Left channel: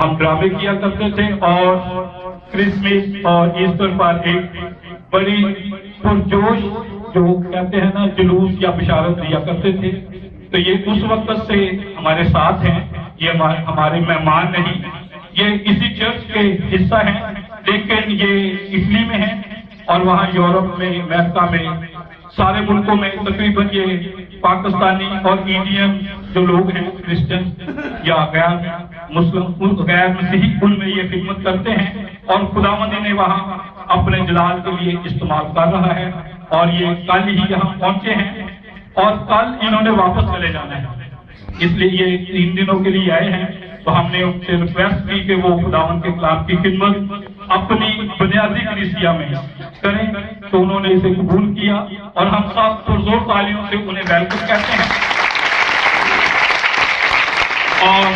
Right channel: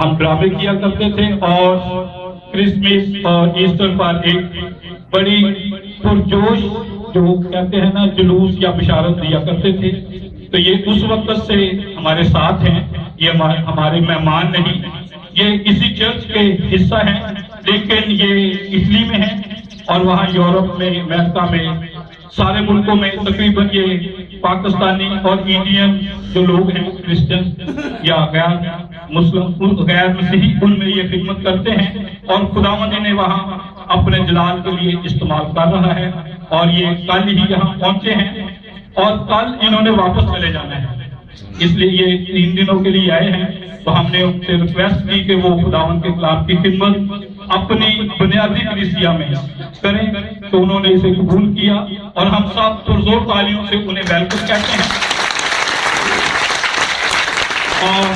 ہم ڈرامے کیا کرتے تھے اور کرسمس اور ایسٹر پر ایک بڑی پرجوش جو کہتے ہیں نا جلوس یا بشارت دیا کرتے تھے. تو یہ اس وقت سے ہمارے ساتھ ہیں, یہ ہمارے مہمان نہیں, یہ کسی چرچ کے حصہ ہیں لیکن یہ اٹلی میں ہیں اور وہاں یورپ میں, امریکہ میں, سارے ملکوں میں تقریباً یہ پاکستانی اور انڈین جو لوگ ہیں کرسچن یا غیر مسلم غیر مسیحی ان میں یہ خدمت کرتے ہیں اور خداوند نے وہاں اپنے جلال کے لیے استعمال کر رہا ہے. اور یہ کل ہی یہاں پہنچے ہیں اور کل انہوں نے واپس چلے جانا ہے, اس لیے یہ 3 دنوں کے لیے آئے ہیں. تو ہم نے ان سے ریکویسٹ کی کہ وہ خداوند کے کلام کی خدمت اپنی بنیادی کلیسیا میں کریں, تو انہوں نے اسے قبول کیا اور ہم سب پرزور تالیوں سے انہیں ویلکم کہتے ہیں. اور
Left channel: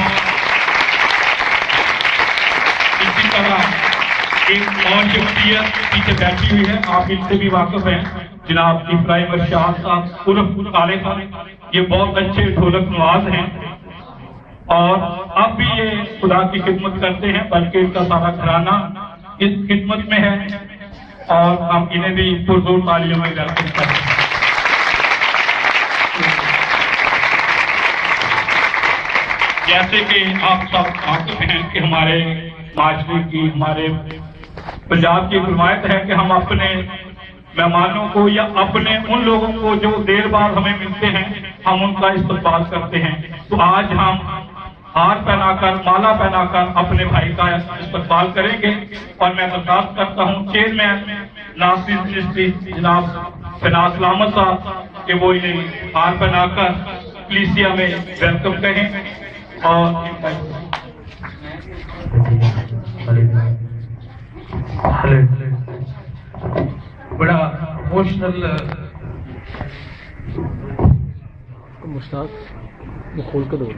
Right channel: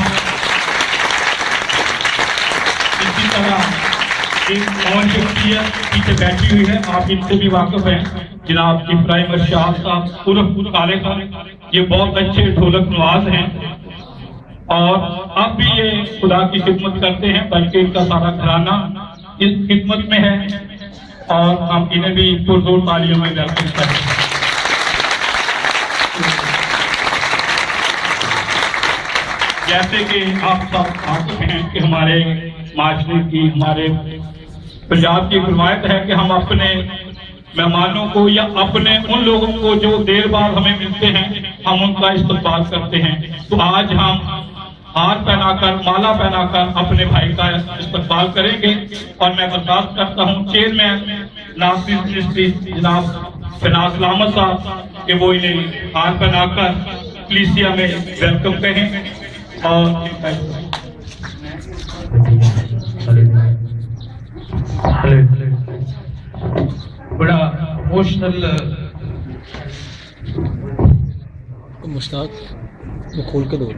اسی طرح ایک اور شخصیت پیچھے بیٹھی ہوئی ہے, آپ ان سے بھی واقف ہیں, جناب ابراہیم ارشاد صاحب عرف خالد صاحب. یہ بہت اچھے ڈھولک نواز ہیں اور اب بھی یہ خدا کی خدمت کرتے ہیں, بلکہ ان کا سارا گھرانہ اس خدمت میں ہے اور ہم انہیں بھی پرزور تالیوں میں ویلکم کرتے ہیں. جیسے کہ آپ سب واقف ہیں کہ ہمارے معاشرے کی, ہمارے پنجاب کی ایک روایت ہے کہ ہم اپنے مہمانوں کو یا اپنے ان لوگوں کو جو دیر بعد ہمیں ملتے ہیں ہم ان کا استقبال کرتے ہیں. تو آج ہم ہار پہنا کر, مالا پہنا کر اپنے بھائی کا استقبال کریں گے اور میں درخواست کرتا ہوں چیئرمین ناصر منسٹری جناب فناز احمد صاحب کہ وہ انہیں ہار پہنا کر کلیسیا میں ویلکم کہیں. اور بڑا ایموشنل مشتاق وہ کھول کے دو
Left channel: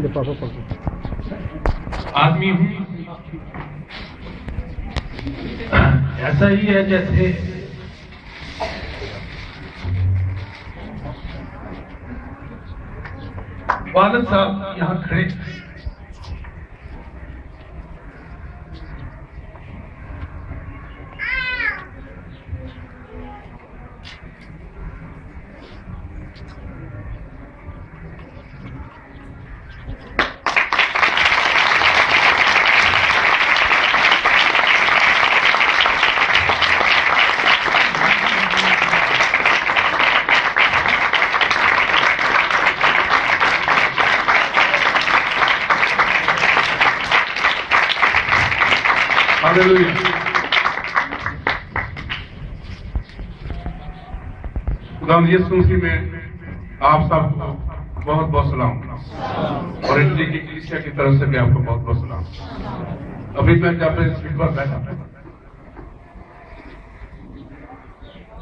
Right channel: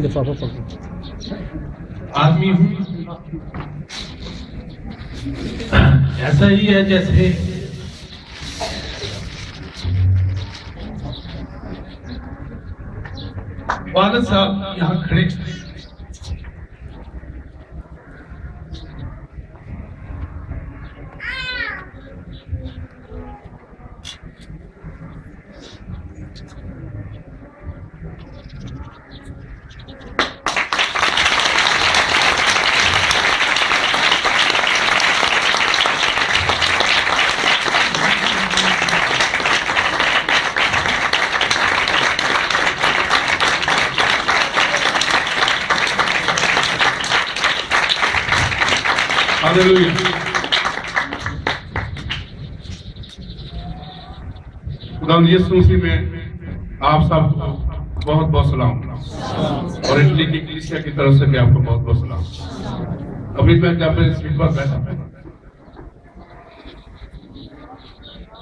لفافہ آدمی ہوں, ایسا ہی ہے جیسے والد صاحب یہاں کھڑے خدا یسوع مسیح میں آپ سب کو بہت بہت سلام, اور اٹلی کی کلیسیا کی طرف سے بھی آپ کو بہت بہت سلام. ابھی میں جب سیٹ پر بیٹھا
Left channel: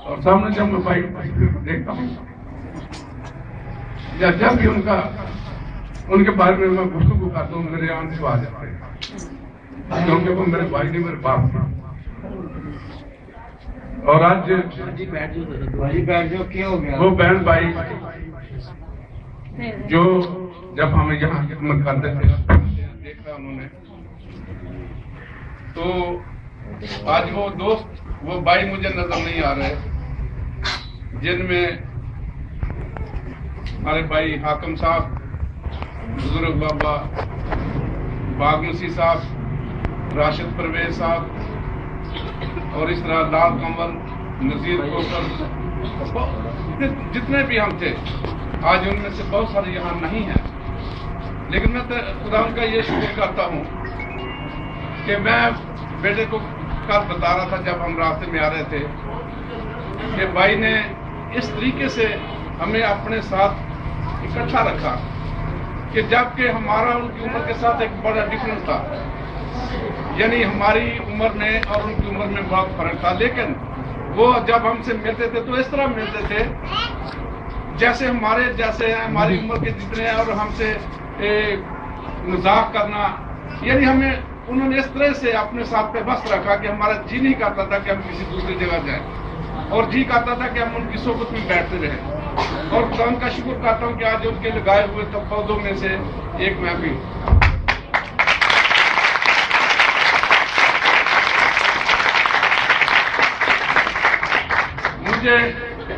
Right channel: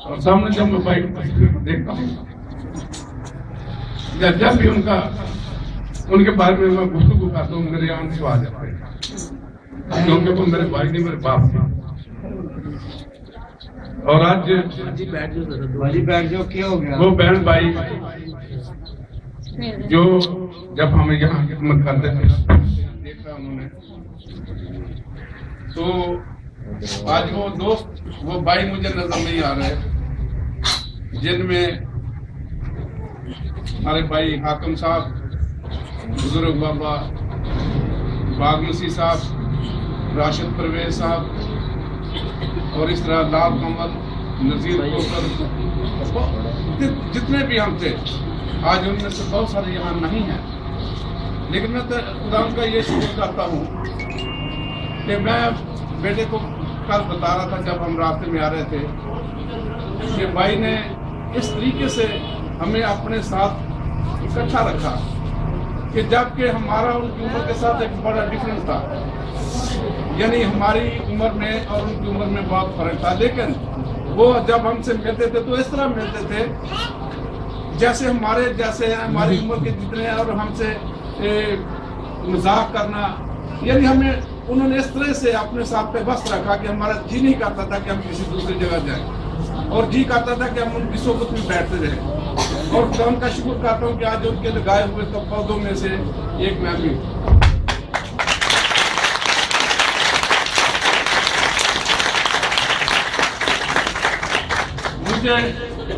اور سامنے جب میں بائک دیکھتا ہوں یا جب بھی ان کے بارے میں گفتگو کرتا ہوں میرے آنکھ آ جاتے ہیں, کیونکہ وہ میرے بھائی نہیں میرے باپ تھے. اور آج وہ بہن بھائی جو جب ہم یہاں خدمت کرتے تھے دیکھا انہوں نے, تو آج وہ دوست وہ بھائی مجھے نظر نہیں آ رہے, جن میں ہمارے بھائی حاکم صاحب, بزرگ بابا باغ مسیح صاحب, راشد پرویز صاحب, اور اس طرح لال کمل, نذیر کوکر, جتنے بھی ہم تھے آج ان میں سے بہت سارے یہاں نہیں ہیں. لیکن میں خدا کا یہ شکر کرتا ہوں کہ میں بیٹے کو کل بتا رہا تھا جب ہم راستے میں آ رہے تھے کہ بھائی نے اس طریقے سے ہمیں اپنے ساتھ اکٹھا رکھا کہ جب کہ ہمارا ان کی عمر کے ساتھ ایک بڑا ڈفرنس تھا, یعنی ہماری عمر میں اور ان کی عمر میں بہت فرق تھا. لیکن وہ جب ہم سے ملتے تھے تو اس طرح ملتے تھے جیسے ہیں ہماری عمر کے جتنے ہیں, اور ہم سے مذاق کرنا, یعنی ہمیں انہوں نے اس طرح سے اپنے ساتھ پہ بس رکھا کہ ہمارا جی نہیں کرتا تھا کہ ہم کسی دوسری جگہ جائیں, اور جی کرتا تھا کہ ہم ان کی صحبت میں بیٹھتے رہیں. اور خدا کا شکر کرتا ہوں کہ آج ان کے لگائے ہوئے پودوں میں سے ایک میں بھی ہوں۔ مجھے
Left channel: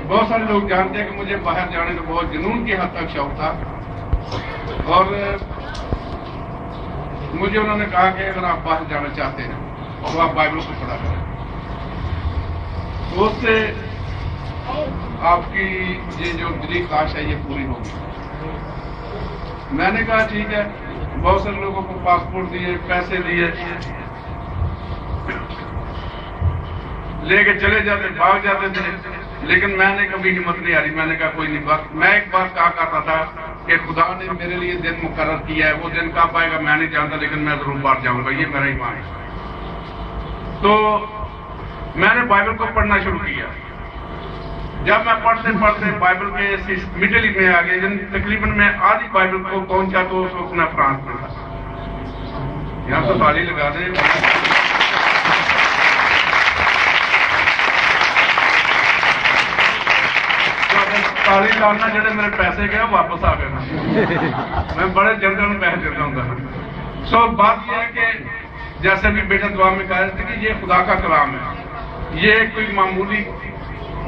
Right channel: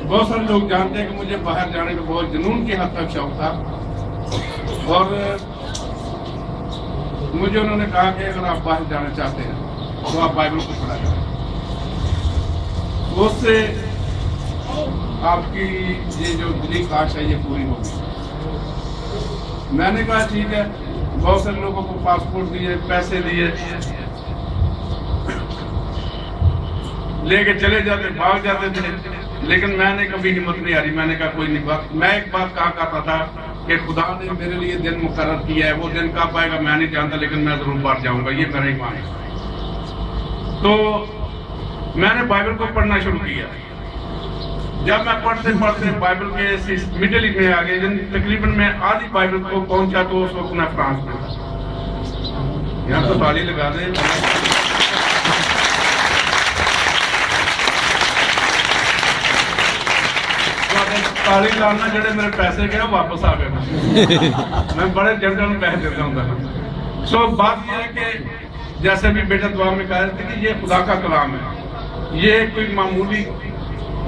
بہت سارے لوگ جانتے ہیں کہ مجھے باہر جانے کا بہت جنون کی حد تک شوق تھا، اور مجھے انہوں نے کہا کہ اگر آپ باہر جانا چاہتے ہیں تو آپ بائبل کو پڑھا کریں، اس سے آپ کی یہ جو دلی خواہش ہے یہ پوری ہوگی۔ میں نے کہا ٹھیک ہے، بہت سے لوگوں کو پاسپورٹ دیے، پیسے دیے، لے کے چلے جاتے، بھاگ جاتے تھے، لیکن میں نے کبھی ہمت نہیں ہاری۔ میں نے کہا کوئی نہیں، میں ایک بات کہا کرتا تھا کہ خدا نے میرے لیے دن مقرر کیا ہے، وہ دن کب آئے گا میں نہیں جانتا، لیکن میں ضرور باہر جاؤں گا، یہ میرا ایمان ہے۔ تو میں نے بائبل کو پڑھنا شروع کیا۔ جب میں پڑھتے پڑھتے بائبل کے مڈل میں آ گئے، تقریباً میں آدھی بائبل کو پہنچا تو اس وقت میں فرانس میں تھا۔ یہاں تو تالی لگا دیں۔ تالی لانا جڑے میرے پیسے گئے واپس آ گئے، میں بڑے جنرل پیسے دیتا ہوں۔ سو بات یہ ہے کہ جیسے بھی بیٹا دعا میں کہا تھا کہ یہ خدا کا کلام ہے، یہ کوئی معمولی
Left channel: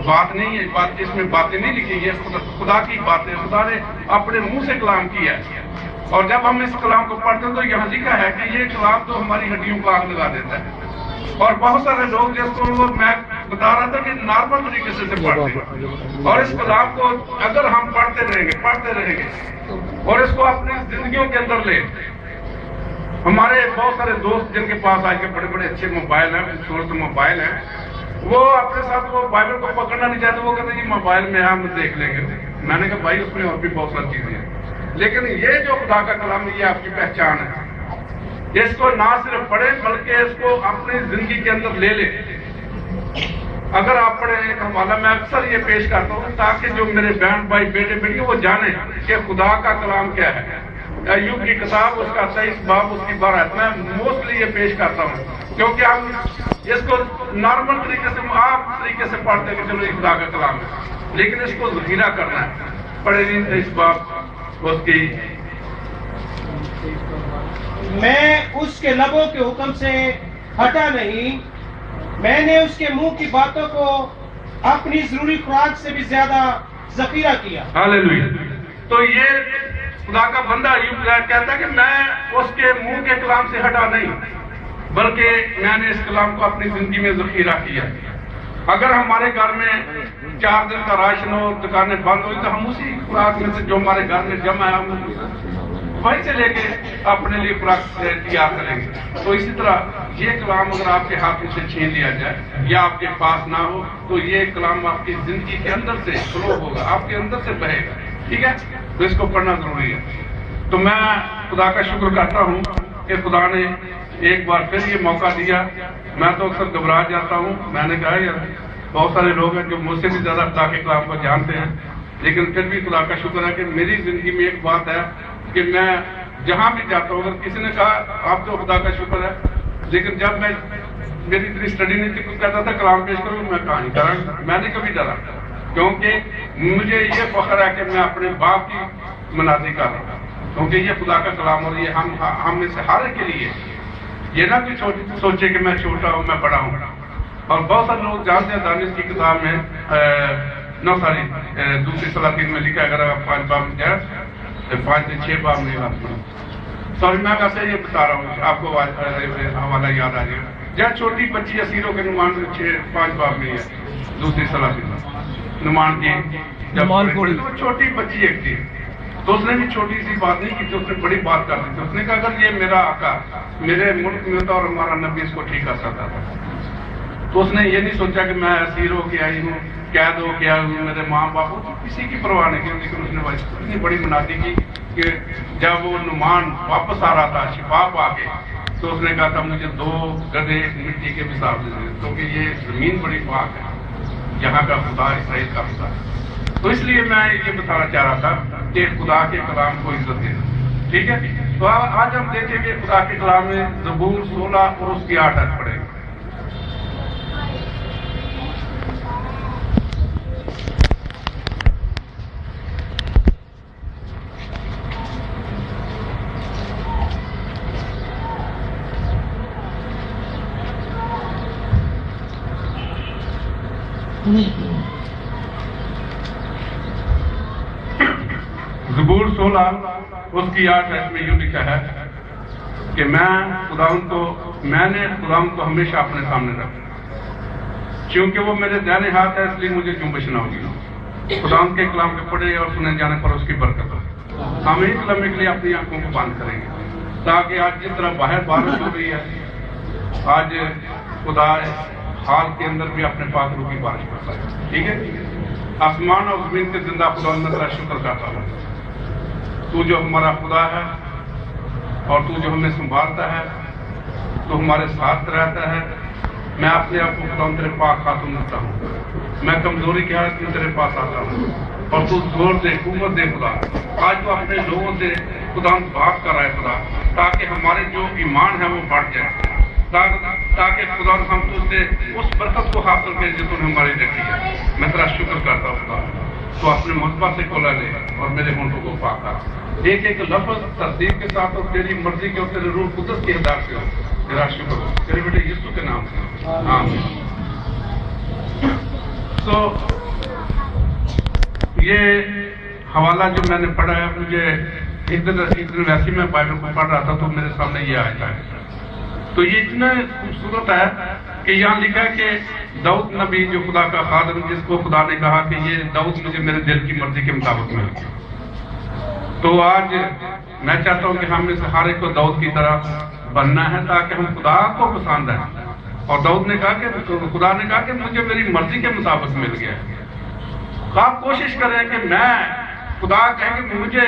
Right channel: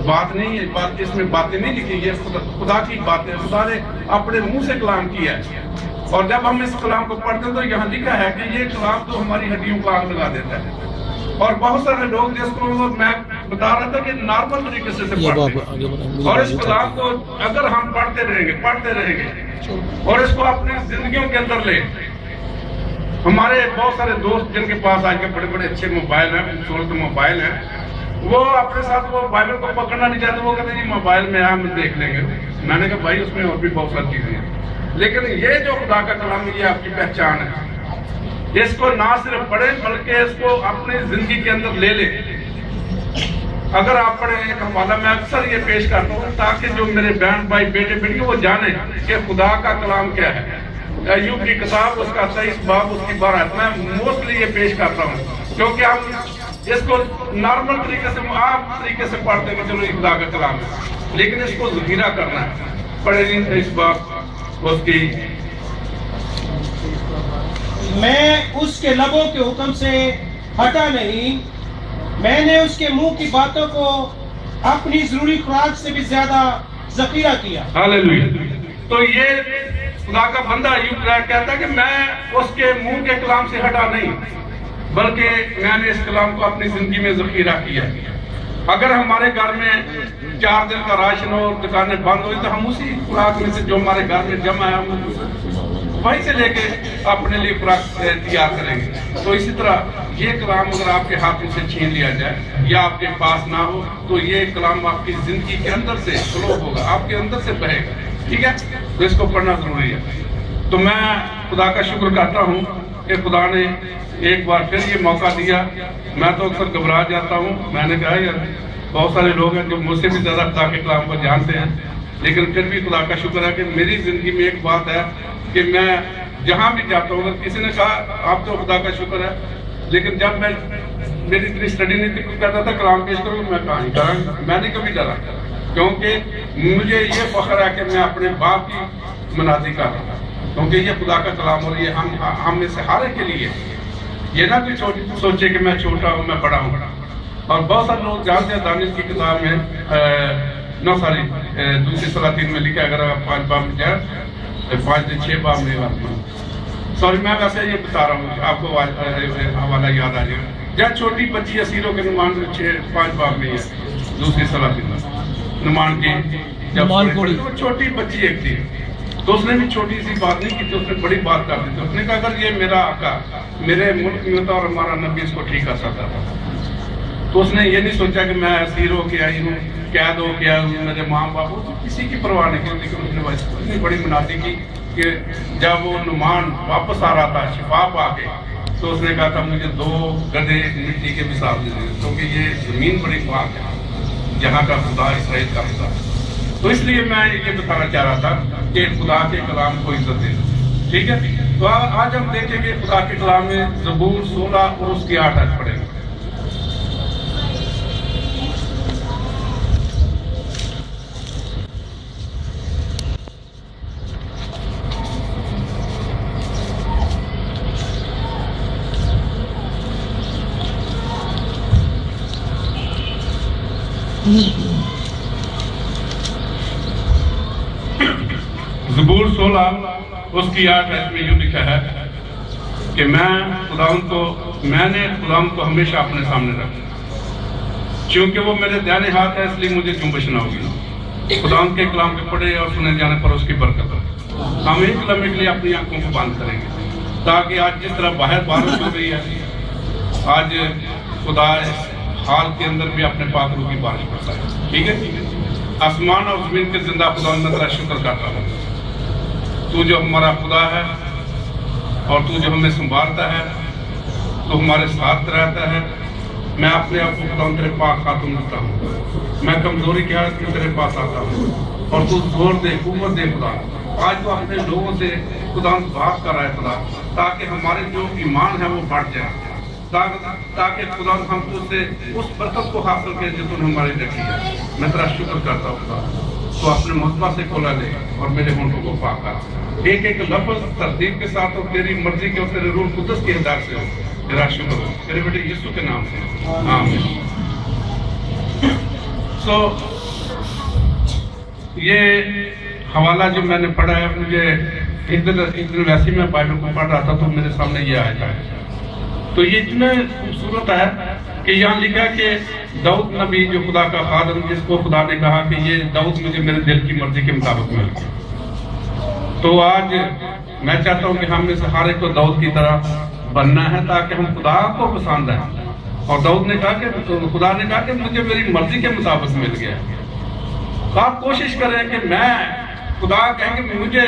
بات نہیں ہے، اس میں باتیں نہیں لکھی، یہ خدا کی باتیں، خدا نے اپنے منہ سے کلام کیا ہے۔ اور جب ہم اس کلام کو پڑھتے ہیں تو یہاں لکھا ہے کہ یہ کلام تو ہماری ہڈیوں کو آگ لگا دیتا ہے۔ اور بہت سارے لوگ جس کو میں بتا رہا تھا کہ نارمل طریقے سے پڑھتے ہیں، اور اس کلام کو اگر ہم پڑھتے رہیں گے اور اس کو اپنی زندگیوں کے اندر لیں۔ ہمارے بہت سارے دوست جن کے پاس آئے کے بڑے بڑے اچھے موبائل ہیں، خوبصورت موبائل ہیں، وہ اپنے ساتھ وہ بائبل کو پکڑنا نہیں چاہتے، وہ کہتے ہیں موبائل میں ہم دیکھ لیں گے۔ میں نے کہا بھائی اس میں اور بھی بہت ساری چیزیں ہیں، لیکن یہ جو خدا کا کلام ہے یہ آپ کی پہچان ہے۔ اس کو نہ صرف پڑھیں بلکہ اس کو اپنی زندگی کے اندر لے لیں۔ اگر آپ پڑھیں ایک حوالہ میں اکثر یہ پیش کرتا ہوں تاکہ جو میرے بہن بھائی بیٹے بیٹیاں وہ جانیں کہ خدا کا کلام کیا ہے۔ ایوب کی کتاب اس کا 23 باب اس کی 12 آیت میں موسٹلی یہ پیش کرتا ہوں، کیونکہ ہم اس کو نارمل طریقے سے عام طریقے سے پڑھتے ہیں کہ چلو یہ خدا کا کلام ہے، لیکن اس کو ذخیرہ کرنا ہے۔ پڑھیں 23 باب اس کی۔ میں اس کے لبوں کے حکم سے ہٹا نہیں، میں نے اس کے منہ کی باتوں کو اپنی ضروری خوراک سے بھی زیادہ ذخیرہ کیا۔ ہاللیلویا۔ تو یہ خدا کا بندہ ایوب کہتا ہے کہ میں اس کے منہ کے کلام سے ہٹا نہیں بلکہ میں نے اس کلام کو اپنی زندگی میں ذخیرہ کیا۔ اگر ہمارے گھر میں 4 دن کا راشن ہو، دکانیں بند ہوئی، تو ہم اسی خوراک میں سے جو ہمارے گھر میں جمع ہے وہیں سے لے کے اپنے لیے خوراک تیار کریں گے۔ تو اسی طرح یہ کلام اگر آپ کے ہاتھ سے چھین لیا جائے یا آپ کے پاس نہ ہو تو یہ کلام آپ کی زندگی کے اندر سے فلو ہوگا، آپ کے اندر سے بہے گا، ٹھیک ہے؟ تو اس کو پڑھنا ضروری ہے۔ تو میں خدا کا شکر کرتا ہوں کہ خدا نے ایک بار پھر یہ موقع دیا۔ میں تو اکثر گھبرا جاتا ہوں، میں نے کہا یار بہت سارے لوگ ہیں جو مجھ سے بھی زیادہ خدا کے کلام کو جانتے ہیں، لیکن پھر بھی خدا کا شکر ہے کہ میری زندگی میں ایک بات ہے کہ میں جہاں بھی جاتا ہوں، اگر کسی نے کہا آپ تو خدا کا شکر ہے، لیکن جب میں میری اتنی اسٹڈی نہیں کرتا تھا کلام پیش کروں میں کہاں نہیں ڈرا، میں نے کبھی ڈرا، کیونکہ مجھے یہ فخر ہے کہ میں اپنے باپ کی منادی کر رہا ہوں، کیونکہ یہ خدا کا کلام اور یہ ہم میں سے ہر ایک کے لیے یہ نہ کہ سوچے کہ میں چھوٹا ہوں میں بڑا ہوں۔ اور بہت سارے لوگ جانتے ہیں دانش کی کتاب میں 2 سلاطین میں لکھا ہے، اگر آپ 5 باب میں جائیں 5 سے 6 باب میں سوری میں ویسے یہ بتا رہا ہوں آپ کو حوالہ یاد آ جائے گا، جہاں چھوٹی بچی اسیروں کے نمان 5 باب نہیں ہے 2 سلاطین میں نمان کی جب تو چھوٹی بچی ایک تھی، تو اس نے بھی چھوٹی سی بات نہیں کی تھی، اس نے بڑی بات کر دی تھی۔ اس نے کہا اگر یہ میرا آقا میرے ملک میں ہوتا اور ہمارا نبی اس کو ٹھیک کر سکتا تھا، تو اس نے یہ نہیں سوچا کہ میں اسیر ہو کے آئی ہوں، قید ہو کے آئی ہوں، میرے ماں باپ ہو، کسی کی پرواہ نہیں کی، لیکن اس نے اتنی بڑی منادی کی کہ جب وہ نعمان واپس آ رہا تھا شفا پا کے، تو اس نے کہا تھا مجھے 2 گدھے مٹی کے مثال دے دیں، کیونکہ یہ زمین بڑی پاک ہے جہاں کا خدا اسرائیل کا خدا ہے۔ تو اس لیے میں یہ بتانا چاہ رہا تھا کہ خدا کے کلام کو عزت دے، ٹھیک ہے؟ تو آج ہم دیکھیں گے خدا کے کلام میں زبور 16 اور اس کی 8 آیت پڑھیں گے۔ زبور 16 اس کی 8 آیت میں یوں لکھا ہے کہ میں نے خداوند کو ہمیشہ اپنے سامنے رکھا، چونکہ وہ میرے دائیں ہاتھ ہے، اس لیے مجھے جنبش نہ ہوگی۔ خداوند کے کلام کے پڑھے اور سنے جانے پر اس کی برکت ہو۔ ہم ایک لمحے کے لیے اپنی آنکھوں کو بند کریں گے تاکہ آج جس طرح باہر بارش ہو رہی ہے، آج خدا حال کے اندر بھی اپنے پاک روح کی بارش کرتا ہے۔ ٹھیک ہے، آسمان اور زمین کے زندہ خداوند میں تیرا شکر کرتا ہوں، تو جو ہمارا خدا ہے اور تو جو ہمیں سنبھالتا ہے، تو ہمارے ساتھ رہتا ہے۔ میں اپنے آپ کو خداوند تیرے پاک ہاتھوں میں رکھتا ہوں، میں کمزوری کی حالت میں تیرے پاس آتا ہوں، اور تو زور دے، قوت دے خدا۔ آج تو اپنے لوگوں سے خداوند بات کر رہا ہے خدا، تاکہ ہمارے جو ایمان ہے وہ بڑھ جائے، تاکہ خداوند ہم تو سے اس برکت کو حاصل کریں جو تو نے ہماری رکھی ہے۔ میں تیرا شکر کرتا ہوں خدا، تو اپنے مرتبہ سے کھولا لے اور میرے ہونٹوں کو پاک کر، ایک ایک لفظ ترتیب کے ساتھ اور تیری مرضی کے اور تیرے روح قدس کے ہدایت سے ہو۔ تیرا شکر ہو تیرے بیٹے یسوع کے نام سے، آمین۔ یہ حوالہ جو میں نے پڑھا ہے، مجھے ایک دن ویسے میں بائبل کو پڑھ رہا تھا تو میرے سامنے یہ آیا ہے، تو یہ اتنا خوبصورت ہے کہ یہاں لکھا کہ داؤد نبی جو خدا کا خادم، جس کو خدا نے کہا کہ یہ داؤد مجھے میرے دل کی مرضی کے مطابق مل گیا۔ تو آج میں چاہتا ہوں کہ ہم میں سے ہر ایک کو داؤد کی طرح بننا ہے تاکہ ہم خدا کو پسند ہیں۔ اور داؤد نے کہا کہ خدا نے کہا کہ مجھے میری مرضی کے مطابق مل گیا۔ آپ کوشش کریں کہ میں خدا کہیں کہ مجھے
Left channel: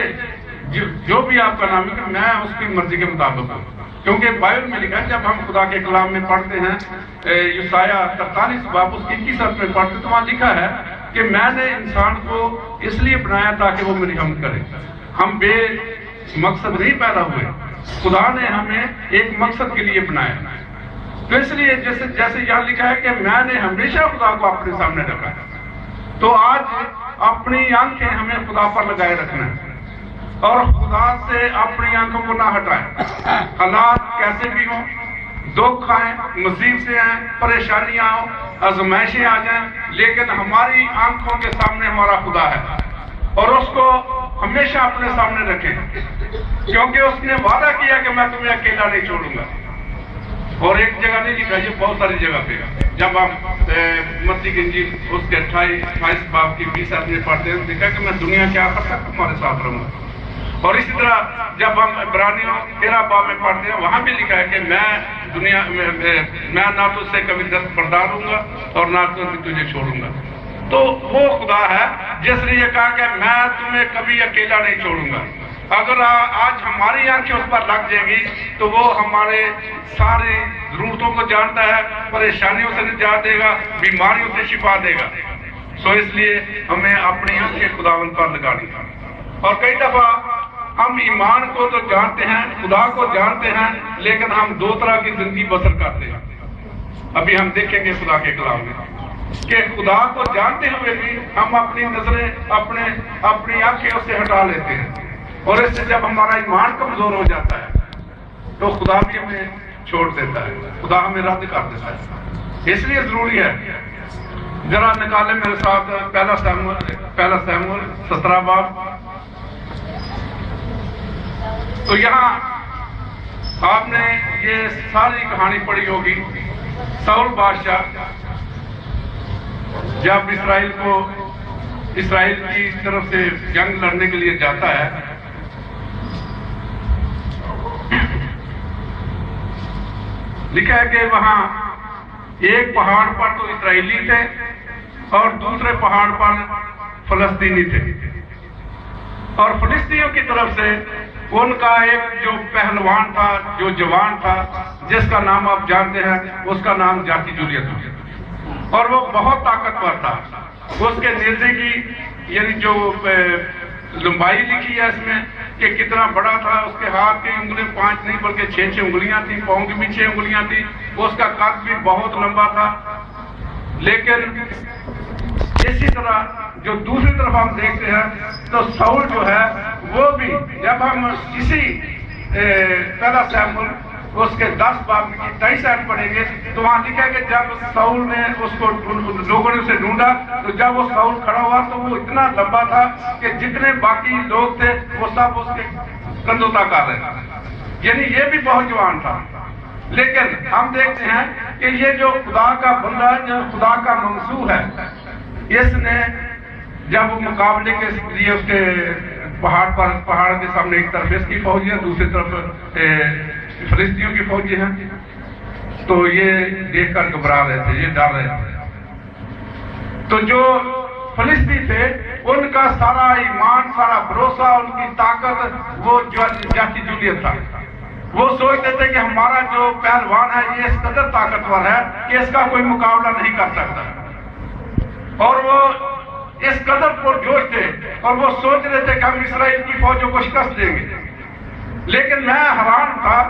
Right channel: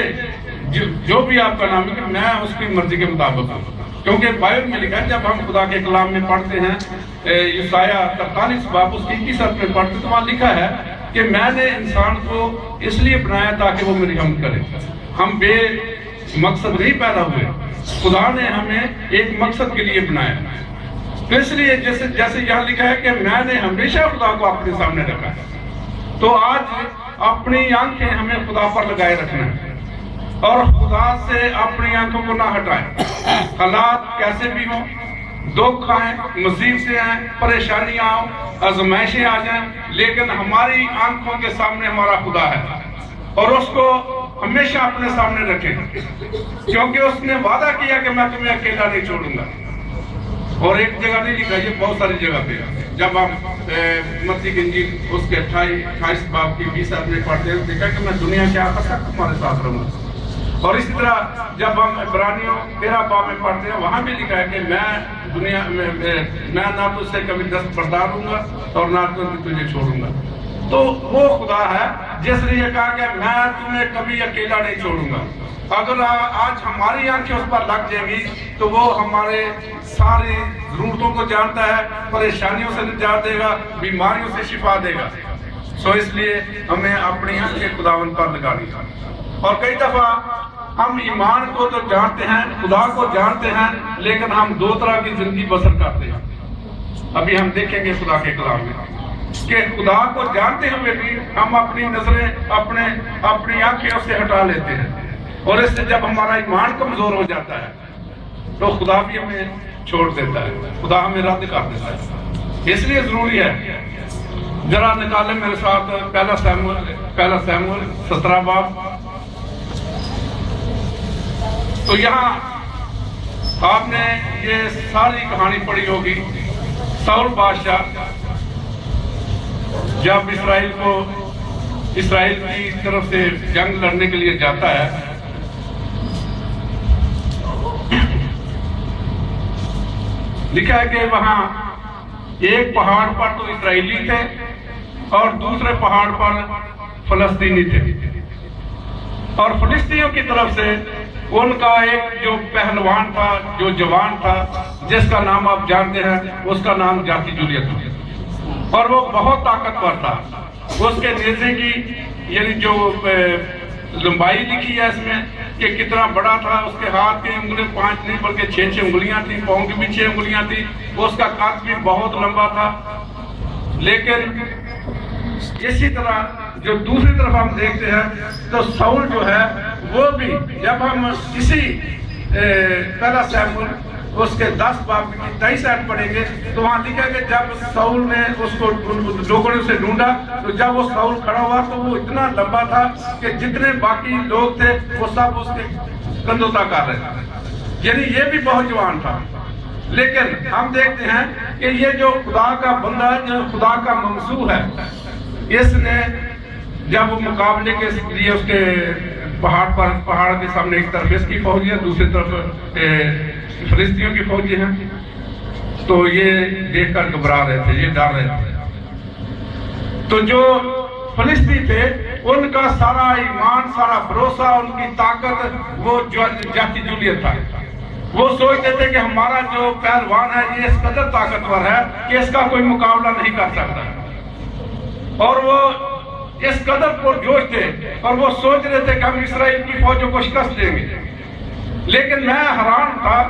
جو بھی آپ کا نام ہے کہ میں اس کی مرضی کے مطابق ہوں، کیونکہ بائبل میں لکھا ہے جب ہم خدا کے کلام میں پڑھتے ہیں یسایہ 43 باب اس کی 21 آیت میں پڑھتے تو وہاں لکھا ہے کہ میں نے انسان کو اس لیے بنایا تاکہ وہ میری حمد کرے۔ ہم بے مقصد نہیں پیدا ہوئے، خدا نے ہمیں ایک مقصد کے لیے بنایا، تو اس لیے جیسے یہاں لکھا ہے کہ میں نے ہمیشہ خدا کو اپنے سامنے رکھا ہے۔ تو آج اپنی آنکھیں ہمیں خدا پر لگائے رکھنا ہے اور خدا سے اپنی آنکھوں کو نہ ہٹائیں۔ حالات کیسے بھی ہوں، دکھ آئیں، مصیبتیں آئیں، پریشانیاں آؤں، آزمائشیں آ جائیں، لیکن ہماری آنکھوں کے سامنے ہمارا خدا ہے اور اس کو ہمیشہ اپنے سامنے رکھیں، کیونکہ اس نے وعدہ کیا کہ میں تمہیں اکیلا نہیں چھوڑوں گا۔ اور ایک جگہ نہیں لکھا، یہ بہت ساری جگہ پہ جب ہم متی کی انجیل اس کے 28 باب کی 20 آیت میں پڑھتے ہیں، لکھا کہ میں دنیا کے آخر تک تمہارے ساتھ رہوں گا۔ اور اسی طرح جب ہم عبرانیوں 13 باب میں پڑھتے ہیں، وہاں بھی لکھا ہے کہ میں نہ تجھ سے کبھی دستبردار ہوں گا اور نہ تجھے چھوڑوں گا۔ تو وہ خدا ہے جس نے یہ کہا کہ میں تمہیں کبھی اکیلا نہیں چھوڑوں گا۔ اگر آج ہماری آنکھیں اس پر لگ جائیں گی تو وہ ہمارے ساری ضرورتوں کو جانتا ہے، پریشانیوں سے نجات دے گا، بیماریوں سے شفا دے گا۔ اس لیے ہمیں اپنی آنکھیں خداوند پر لگانی ہے۔ اور کئی دفعہ ہم ایمان کو تو جانتے ہیں، خدا کو جانتے ہیں، لیکن ہم دو طرح کی زندگی بسر کرتے ہیں۔ ابھی ہم دیکھیں گے خدا کے کلام میں کہ خدا کو جانتے ہوئے بھی ہم اپنی نظریں اپنی آنکھیں اس سے ہٹا لیتے ہیں، اور اس سے جب ہمارا ایمان کمزور ہو جاتا ہے تو خدا بھی ہمیں چھوڑ دیتا ہے، خدا ہمیں رد کر دیتا ہے۔ اس لیے ضروری ہے، ذرا نکالیں میرے ساتھ پہلا سیموئیل 17 باب۔ تو یہاں آپ نے یہ ساری کہانی پڑھی ہوگی، ساؤل بادشاہ جب اسرائیل کی طرف سے جنگ لڑنے کے لیے جاتا ہے، لکھا ہے کہ وہاں ایک پہاڑ پر تو اسرائیلی تھے اور دوسرے پہاڑ پر فلسطینی تھے، اور فلسطینیوں کی طرف سے ان کا ایک جو پہلوان تھا، جو جوان تھا، جس کا نام آپ جانتے ہیں، اس کا نام جاتی جولیت تھا، اور وہ بہت طاقتور تھا۔ اس کے نیزے کی یعنی جو لمبائی لکھی ہے اس میں کہ کتنا بڑا تھا، اس کے ہاتھ کی انگلیاں 5 نہیں بلکہ 6 انگلیاں تھیں، پاؤں کی بھی 6 انگلیاں تھیں، اس کا قد بھی بہت لمبا تھا۔ لیکن اسی طرح جو دوسری طرف ہم دیکھتے ہیں تو ساؤل جو ہے وہ بھی، جب ہم اسی پہلا سیموئیل اس کے 10 باب کی 23 آیت پڑھیں گے تو وہاں لکھا ہے کہ جب ساؤل نے اس کو لوگوں نے اسے ڈھونڈا تو جب وہ ساؤل کھڑا ہوا تو وہ اتنا لمبا تھا کہ جتنے باقی لوگ تھے وہ سب اس کے کندھوں تک آ رہے تھے، یعنی یہ بھی بہت جوان تھا۔ لیکن ہم دیکھتے ہیں کہ یہ جو خدا کا بندہ ہے، جو خدا کا منصور ہے، اس نے جب وہ مقابلے کے لیے اس کے پہاڑ کے سامنے ایک طرف اس کی فوجی ہے، دوسری طرف فلسطینیوں کی فوجی ہیں، تو یہ دیکھ کر گھبرا رہے تھے، یہ ڈر رہے تھے۔ تو جو فلسطینی تھے ان کا سارا ایمان، سارا بھروسہ، ان کی طاقت وہ جاتی جولیت تھا۔ وہ سوچتے تھے کہ ہمارا جو پہلوان ہے یہ اس قدر طاقتور ہے کہ اس کا کوئی مقابلہ نہیں کر سکتا، اور وہ اس قدر پرجوش تھے اور وہ سوچ رہے تھے کہ ہم اسرائیل کی فوجوں کو شکست دیں گے۔ لیکن میں حیران تھا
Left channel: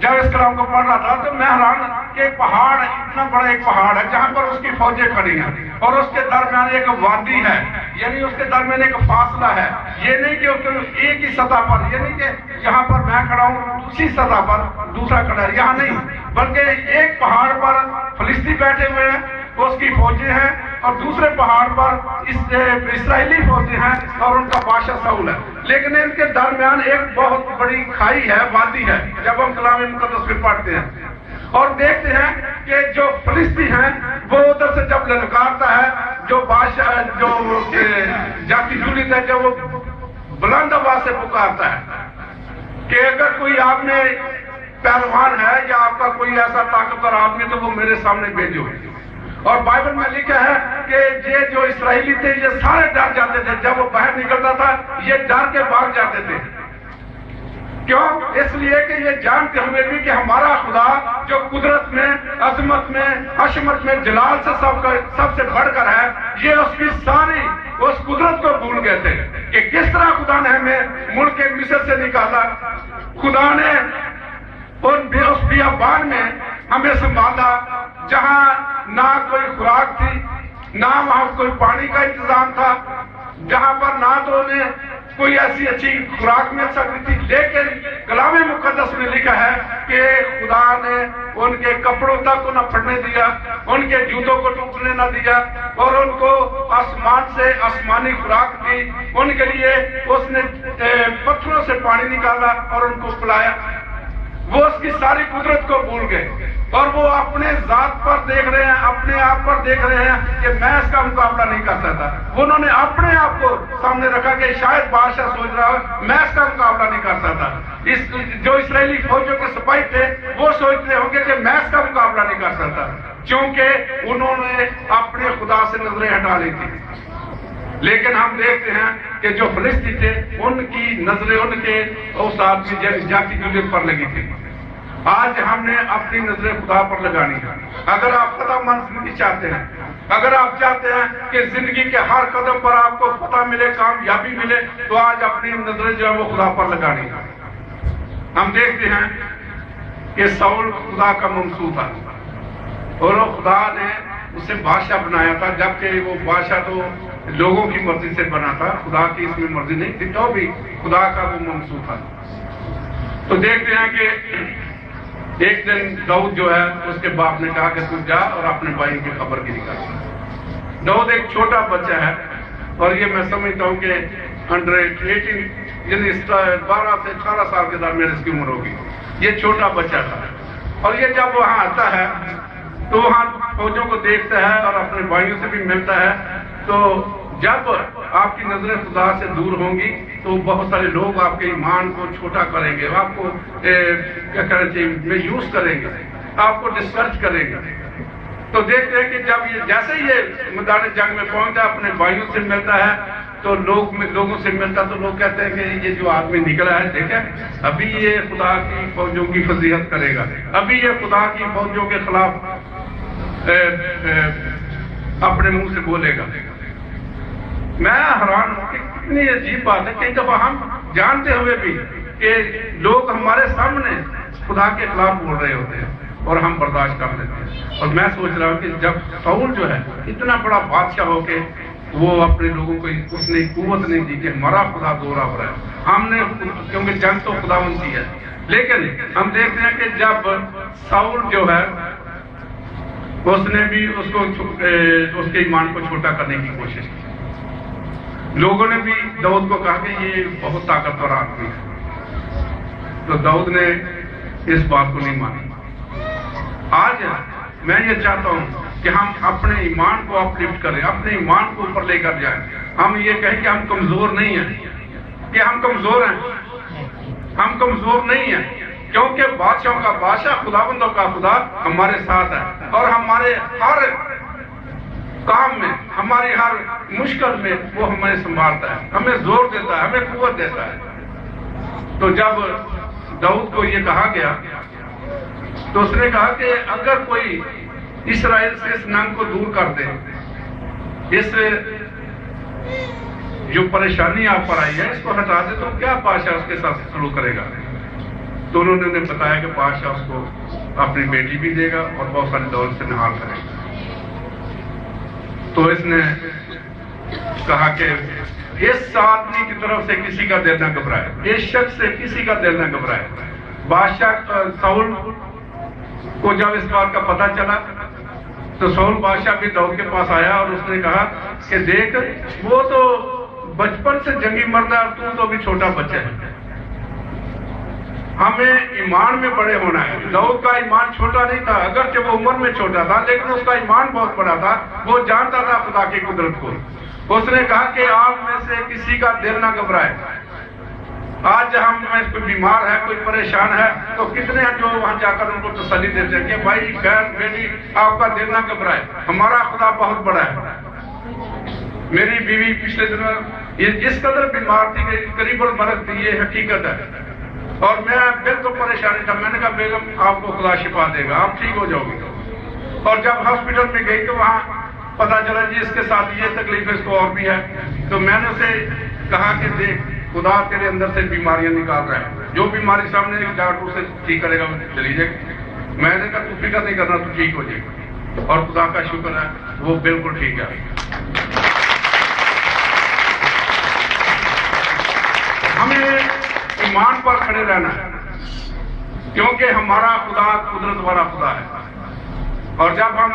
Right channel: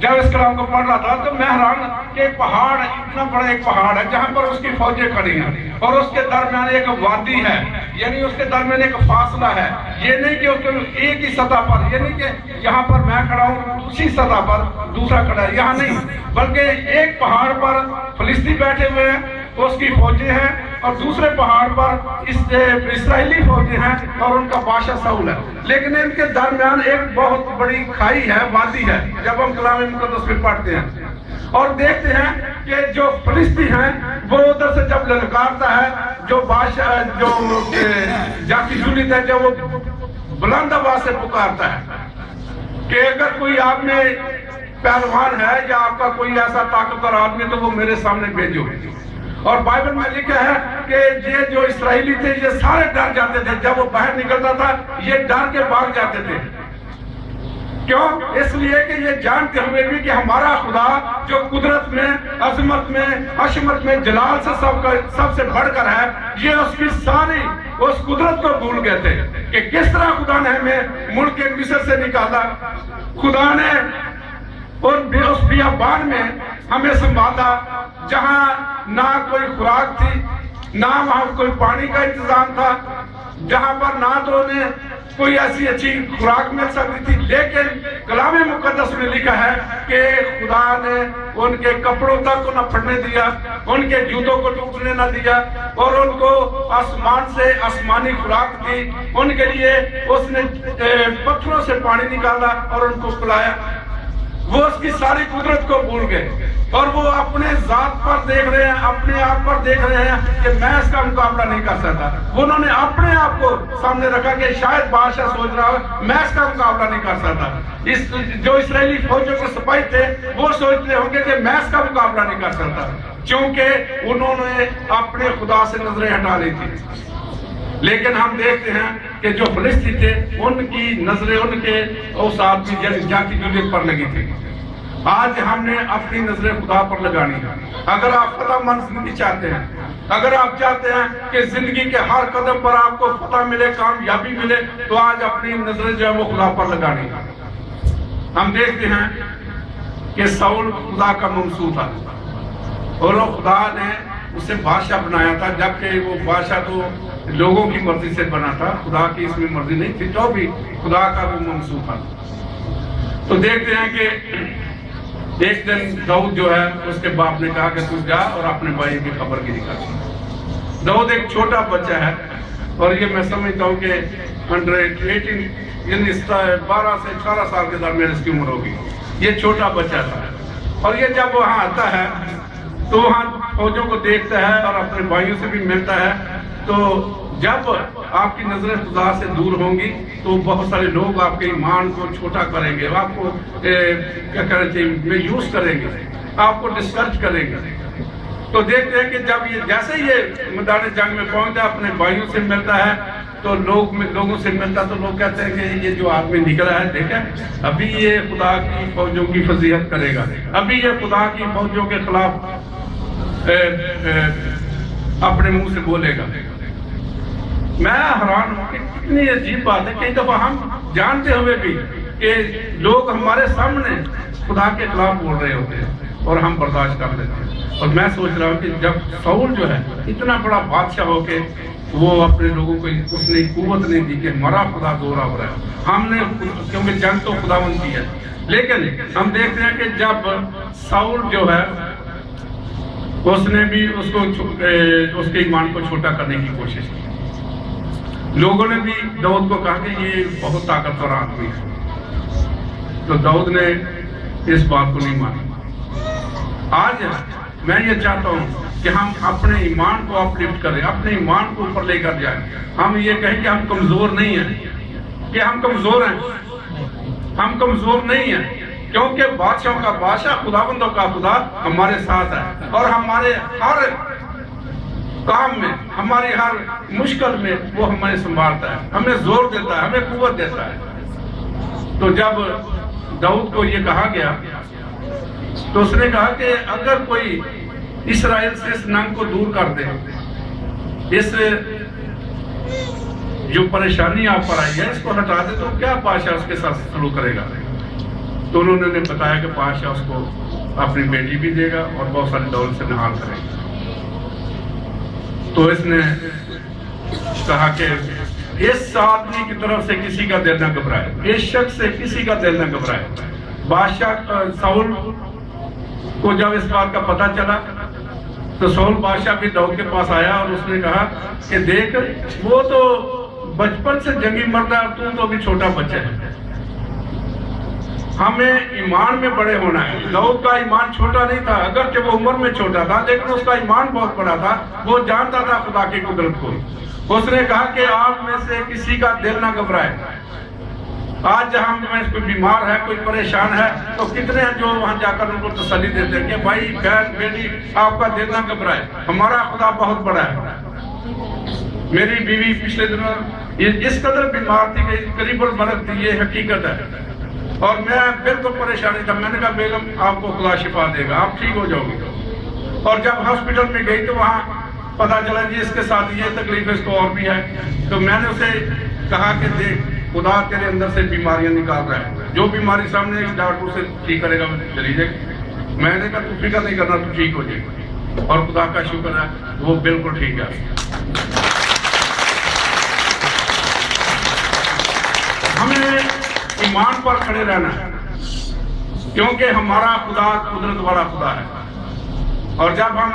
جب اس کلام کو پڑھ رہا تھا، تو میں حیران کہ پہاڑ، اتنا بڑا ایک پہاڑ ہے جہاں پر اس کی فوجیں کھڑی ہیں اور اس کے درمیان ایک وادی ہے، یعنی اس کے درمیان ایک فاصلہ ہے۔ یہ نہیں کہ ایک ہی سطح پر، یہ نہیں کہ یہاں پر میں کھڑا ہوں اسی سطح پر دوسرا کھڑا ہے، یہاں نہیں، بلکہ ایک پہاڑ پر فلسطینی بیٹھے ہوئے ہیں، اس کی فوجیں ہیں، اور دوسرے پہاڑ پر اسرائیلی فوجیں ہیں اور ان کا بادشاہ ساؤل ہے۔ لیکن ان کے درمیان ایک بہت بڑی کھائی ہے، وادی ہے، جب ہم کلام مقدس میں پڑھتے ہیں اور دیکھتے ہیں کہ جو فلسطینی ہیں وہ ادھر سے جب للکارتا ہے، جو بادشاہ جو جاتی جولیت ہے، جب وہ بلند آواز سے پکارتا ہے کہ اگر کوئی آپ میں پہلوان ہے یا آپ کا کوئی ایسا طاقتور آدمی تو وہ میرے سامنے بھیجو۔ اور بائبل میں لکھا ہے کہ یہ جو اسرائیلی تھے یہ سارے ڈر جاتے تھے، جب وہ باہر نکلتا تھا یہ ڈر کے بھاگ جاتے تھے۔ کیوں؟ اس لیے کہ یہ جانتے ہوئے بھی کہ ہمارا خدا جو قدرت میں، عظمت میں، عظمت میں، جلال سے سب سے بڑھ کر ہے، یہ اس کی ساری اس قدرت کو بھول گئے تھے کہ کس طرح خدا نے ہمیں ملک مصر سے نکالا، خدا نے اس بیابان میں ہمیں سنبھالا جہاں نہ کوئی خوراک تھی، نہ وہاں کوئی پانی کا انتظام تھا، جہاں پر نہ تو انہیں کوئی ایسی اچھی خوراک مل سکتی تھی۔ لیکن کلام مقدس میں لکھا ہے کہ خدا نے ان کے کپڑوں تک نہ پھٹنے دیا، ان کے جوتوں کو ٹوٹنے نہ دیا، اور ان کو آسمان سے آسمانی خوراک دی، ان کے لیے اس نے پتھروں سے پانی نکالا اور ان کو پلایا۔ وہ اس کی ساری قدرت کو بھول گئے اور وہ اپنے ذات پر دیکھ رہے ہیں، اپنے آپ پر دیکھ رہے ہیں کہ میں اس کا مقابلہ نہیں کر سکتا۔ انہوں نے اپنے آپ کو سامنے رکھا کہ شاید بادشاہ سوچ رہا ہے میں اس کا مقابلہ نہیں کر سکتا۔ جو اسرائیلی فوجوں کے سپاہی تھے وہ سوچ رہے ہوں گے کہ میں اس کا مقابلہ نہیں کر سکتا، کیونکہ انہوں نے اپنے خدا سے نظریں ہٹا لی تھی۔ لیکن ہم دیکھتے ہیں کہ جو فلسطینی تھے ان کی نظریں ان کے اس آدمی جاتی جولیت پر لگی تھی۔ آج ہم نے اپنی نظریں خدا پر لگانی ہے۔ اگر آپ فتح مند زندگی چاہتے ہیں، اگر آپ چاہتے ہیں کہ زندگی کے ہر قدم پر آپ کو فتح ملے، کامیابی ملے، تو آج اپنی نظریں جو ہے وہ خدا پر لگانی ہے۔ ہم دیکھتے ہیں کہ ساؤل خدا کا منصور تھا اور خدا نے اسے بادشاہ بنایا تھا، جبکہ وہ بادشاہ تو لوگوں کی مرضی سے بنا تھا، خدا کی اس میں مرضی نہیں تھی، تو بھی خدا کا وہ منصور تھا۔ تو دیکھتے ہیں کہ ایک دن داؤد جو ہے اس کے باپ نے کہا کہ تو جا اور اپنے بھائی کی خبر دی۔ داؤد ایک چھوٹا بچہ ہے اور یہ میں سمجھتا ہوں کہ 18 یعنی 12 سے 18 سال کے درمیان اس کی عمر ہوگی۔ یہ چھوٹا بچہ تھا اور یہ جب وہاں آتا ہے تو وہاں فوجوں کو دیکھتا ہے اور اپنے بھائیوں سے بھی ملتا ہے۔ تو جب آپ کی نظریں خدا سے دور ہوں گی تو بہت سارے لوگ آپ کے ایمان کو چھوٹا کریں گے، آپ کو کیا کرنا چاہیے یوز کریں گے، آپ کو ڈسکرج کریں گے۔ تو دیکھتے ہیں کہ جب یہ جیسے یہ میدان جنگ میں پہنچتا ہے، اپنے بھائیوں سے ملتا ہے، تو لوگوں سے ملتا تو لوگ کہتے ہیں کہ یہ جو آدمی نکلا ہے دیکھیں ابھی یہ خدا کی فوجوں کی فضیحت کرے گا، ابھی یہ خدا کی فوجوں کے خلاف اپنے منہ سے بولے گا۔ میں حیران ہوں کہ کتنی عجیب بات ہے، کئی دفعہ ہم جانتے ہوئے بھی کہ لوگ ہمارے سامنے خدا کے خلاف بول رہے ہوتے ہیں اور ہم برداشت کر لیتے ہیں۔ اور میں سوچ رہا ہوں کہ جب ساؤل جو ہے اتنا بڑا بادشاہ ہو کے وہ اپنے لوگوں کو اس نے قوت نہیں دی کہ ہمارا خدا دورہ ہو رہا ہے، ہم نے کیونکہ جنگ تو خدا ان کی ہے، لیکن ہم دیکھتے ہیں کہ جب ساؤل جو ہے اس نے بھی اس کے ایمان کو چھوٹا کرنے کی کوشش کی. لوگوں نے بھی داؤد کو کہا کہ یہ بہت طاقتور آدمی ہے، تو داؤد نے اس بات کو نہیں مانی. آج میں یہ چاہتا ہوں کہ ہم اپنے ایمان کو اپلفٹ کریں، اپنے ایمان کو اوپر لے کر جائیں. ہم یہ کہیں کہ ہم کمزور نہیں ہیں، کہ ہم کمزور ہیں. ہم کمزور نہیں ہیں، کیونکہ بادشاہوں کا بادشاہ، خداوندوں کا خدا ہمارے ساتھ ہے، اور ہمارے ہر کام میں، ہماری ہر مشکل میں وہ ہمیں سنبھالتا ہے، ہمیں زور دیتا ہے، ہمیں قوت دیتا ہے. تو جب داؤد کو یہ کہا گیا تو اس نے کہا کہ اگر کوئی اسرائیل سے اس ننگ کو دور کر دے، اس جو پریشانی آپ پر آئی ہے اس کو ہٹا دے، تو کیا بادشاہ اس کے ساتھ سلوک کرے گا؟ تو انہوں نے بتایا کہ بادشاہ اس کو اپنی بیٹی بھی دے گا اور بہت ساری دولت سے نہار کرے گا. تو اس نے کہا کہ اس آدمی کی طرف سے کسی کا دل نہ گھبرائے، اس شخص سے کسی کا دل نہ گھبرائے. بادشاہ ساؤل کو جب اس بات کا پتہ چلا تو ساؤل بادشاہ بھی داؤد کے پاس آیا اور اس نے کہا کہ دیکھ، وہ تو بچپن سے جنگی مرد ہے، تو ابھی چھوٹا بچہ ہے. ہمیں ایمان میں بڑے ہونا ہے. داؤد کا ایمان چھوٹا نہیں تھا، اگرچہ وہ عمر میں چھوٹا تھا لیکن اس کا ایمان بہت بڑا تھا. وہ جانتا تھا خدا کی قدرت کو. اس نے کہا کہ آپ میں سے کسی کا دل نہ گھبرائے. آج ہم میں کوئی بیمار ہے، کوئی پریشان ہے، تو کتنے ہیں جو وہاں جا کر ان کو تسلی دیتے ہیں کہ بھائی بہن بیٹی آپ کا دل نہ گھبرائے، ہمارا خدا بہت بڑا ہے. میری بیوی پچھلے دنوں اس قدر بیمار تھی کہ قریب المرض تھی، یہ حقیقت ہے، اور میں بالکل پریشانی تھا. میں نے کہا بیگم آپ کو خدا شفا دے گا، آپ ٹھیک ہو جاؤ گے. اور جب ہاسپٹل میں گئی تو وہاں پتا چلا جی اس کے ساتھ یہ تکلیف اس کو اور بھی ہے. تو میں نے اسے کہا کہ دیکھ، خدا تیرے اندر سے بیماریاں نکال رہا ہے، جو بیماری سامنے ڈاکٹر سے ٹھیک کرے گا چلی جائے گی. میں نے کہا تو فکر نہیں کرنا، تو ٹھیک ہو جائے گا. اور خدا کا شکر ہے وہ بالکل ٹھیک ہے. ہمیں ایمان پر کھڑے رہنا ہے، کیونکہ ہمارا خدا قدرت والا خدا ہے. اور جب ہم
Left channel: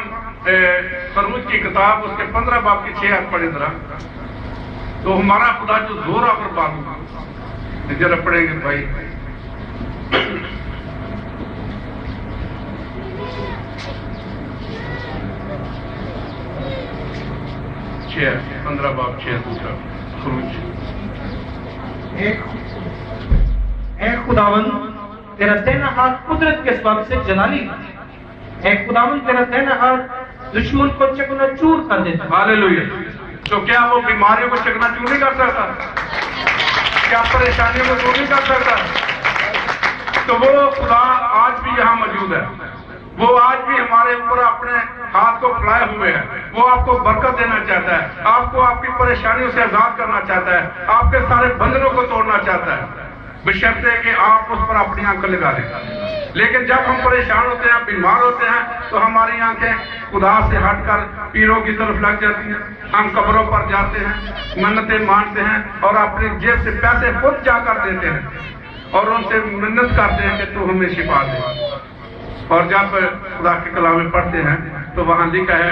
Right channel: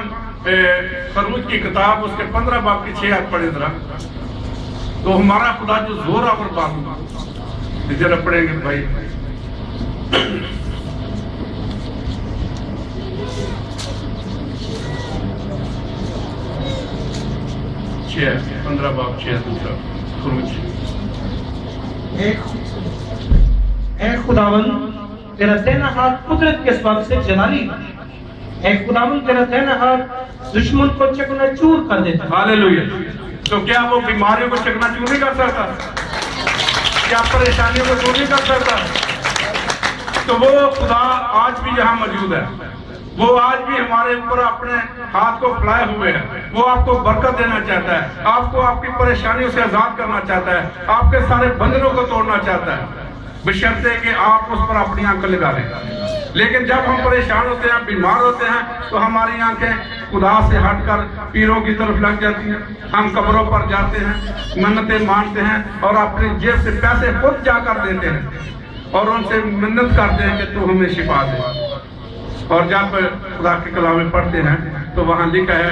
خروج کی کتاب اس کے 15 باب کی 6 آیت پڑھیں ذرا، تو ہمارا خدا جو زور آور بات ذرا پڑھیں گے بھائی. 15 باب 6 دوسرا خروج. اے خداوند تیرا دہنا ہاتھ قدرت کے سبب سے جلالی ہے. اے خداوند تیرا دہنا ہاتھ دشمن کو چکنا چور کر دیتا ہے. ہاللیلویا. تو کیا وہ بیماریوں کو چکنا چور نہیں کر سکتا؟ کیا پریشانیوں کو دور نہیں کر سکتا؟ تو وہ خدا آج بھی یہاں موجود ہے. وہ آج بھی ہمارے اوپر اپنے ہاتھ کو پھیلائے ہوئے ہے. وہ آپ کو برکت دینا چاہتا ہے، آپ کو آپ کی پریشانیوں سے آزاد کرنا چاہتا ہے، آپ کے سارے بندھنوں کو توڑنا چاہتا ہے، بشرطے کہ آپ اس پر اپنی آنکھیں لگا لیں. لیکن جب ہم پریشان ہوتے ہیں، بیمار ہوتے ہیں، تو ہماری آنکھیں خدا سے ہٹ کر پیروں کی طرف لگ جاتی ہیں. ہم قبروں پر جاتے ہیں، منتیں مانتے ہیں اور اپنے جیب سے پیسے خود جا کر دیتے ہیں اور ان سے منت کرتے ہیں کہ تو ہمیں شفا دے. اور جب خدا کے کلام میں پڑھتے ہیں تو وہاں لکھا ہے،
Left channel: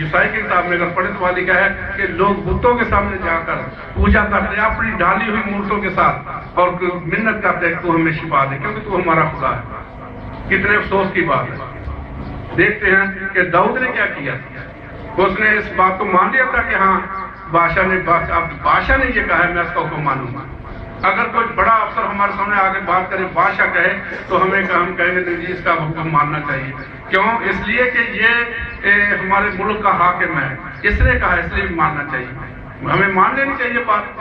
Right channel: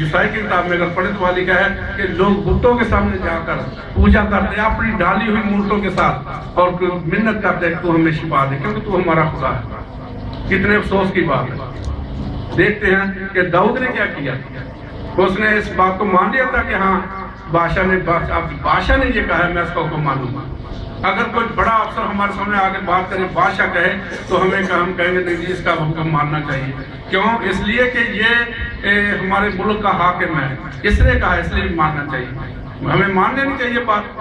یسائی کی کتاب میں اگر پڑھیں تو وہاں لکھا ہے کہ لوگ بتوں کے سامنے جا کر پوجا کرتے ہیں اپنی ڈھالی ہوئی مورتوں کے ساتھ اور منت کرتے ہیں کہ تو ہمیں شفا دے، کیونکہ تو ہمارا خدا ہے. کتنے افسوس کی بات ہے. دیکھتے ہیں کہ داؤد نے کیا کیا. اس نے اس بات کو مان لیا تھا کہ ہاں بادشاہ نے یہ کہا ہے، میں اس کا حکم مانوں گا. اگر کوئی بڑا افسر ہمارے سامنے آگے بات کرے، بادشاہ کہے، تو ہم کہیں گے نہیں، اس کا حکم ماننا چاہیے. کیوں؟ اس لیے کہ یہ ہمارے ملک کا حاکم ہے، اس نے کہا، اس لیے ماننا چاہیے. ہمیں مان لینی چاہیے بات.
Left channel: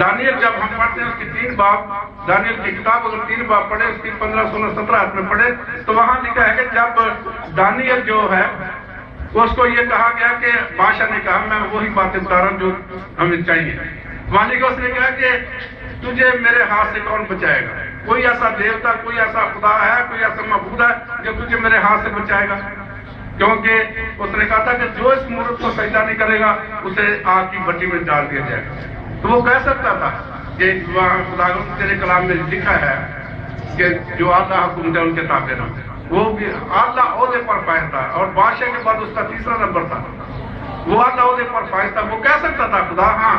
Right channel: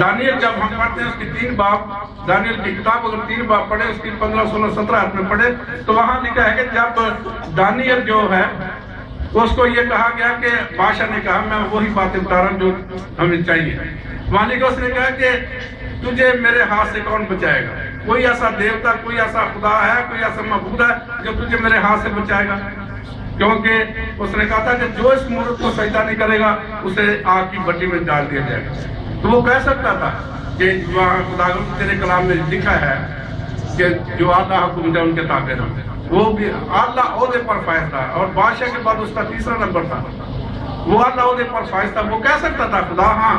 دانیل جب ہم پڑھتے ہیں اس کی 3 باب، دانیل کی کتاب اگر 3 باب پڑھے، اس کی 15 16 17 آیت میں پڑھے تو وہاں لکھا ہے کہ جب دانیل جو ہے اس کو یہ کہا گیا کہ بادشاہ نے کہا میں وہی باتیں بتا رہا ہوں جو ہمیں چاہیے. وہاں کو اس نے کہا کہ تجھے میرے ہاتھ سے کون بچائے گا؟ کوئی ایسا دیوتا، کوئی ایسا خدا ہے، کوئی ایسا معبود ہے جو تجھے میرے ہاتھ سے بچائے گا؟ کیونکہ اس نے کہا تھا کہ جو اس مورت کو سجدہ نہیں کرے گا اسے آگ کی بٹی میں ڈال دیا جائے گا. تو وہ کہہ سکتا تھا کہ وہاں خدا تیرے کلام میں لکھا ہے کہ جو اعلیٰ حکومت ہے ان کے تابع رہے، وہ بھی اعلیٰ عہدے پر فائز تھا، اور بادشاہ کے بعد اس کا تیسرا نمبر تھا، وہ اعلیٰ عہدے پر فائز تھا۔ وہ کہہ سکتا تھا خدا ہاں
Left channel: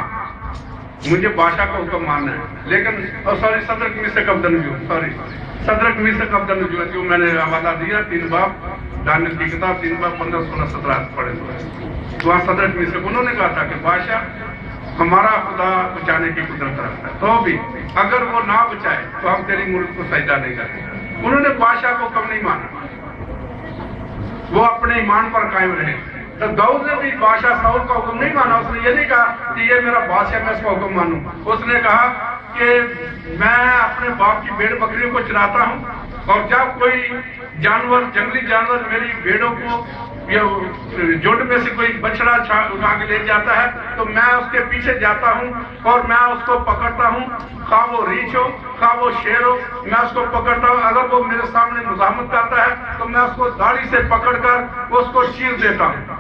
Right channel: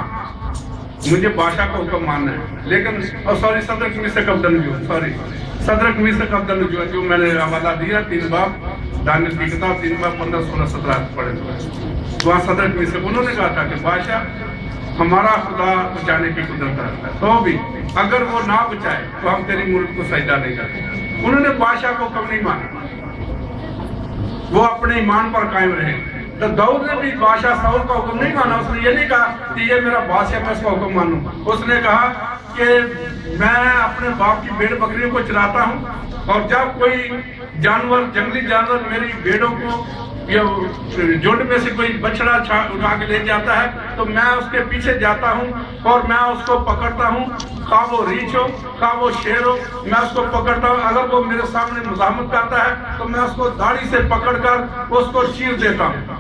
مجھے بادشاہ کا حکم ماننا ہے، لیکن صدر کمیز سے قبضہ صدر کمیز سے قبضہ نجوم جو میں نے حوالہ دیا 3 باب دانیل کی کتاب 3 باب 15 16 17 پڑھے تھے، وہاں صدر کمیز سے انہوں نے کہا تھا کہ بادشاہ ہمارا خدا بچانے کی قدرت رکھتا ہے، تو بھی اگر وہ نہ بچائے تو ہم تیری ملک کو سجدہ نہیں کریں گے۔ انہوں نے بادشاہ کو حکم نہیں مانا، وہ اپنے ایمان پر قائم رہے۔ تو داؤد نے بھی بادشاہ ساؤل کا حکم نہیں مانا، اس نے یہ نہیں کہا کہ یہ میرا بادشاہ میں اس کا حکم مانوں، اس نے کہا کہ میں اپنے باپ کی بھیڑ بکریوں کو چراتا ہوں، اور جب کوئی جانور جنگلی جانور میری بھیڑوں کو یا جھنڈ میں سے کوئی بچڑا اٹھا کے لے جاتا ہے تو میں اس کے پیچھے جاتا ہوں اور میں اس کو پکڑتا ہوں، خواہ وہ ریچھ ہو خواہ وہ شیر ہو، میں اس کو پکڑتا ہوں، اگر وہ میرے سامنے مزاحمت کرتا ہے تو میں اس کو داڑھی سے پکڑ کر اس کو چیر دیتا ہوں۔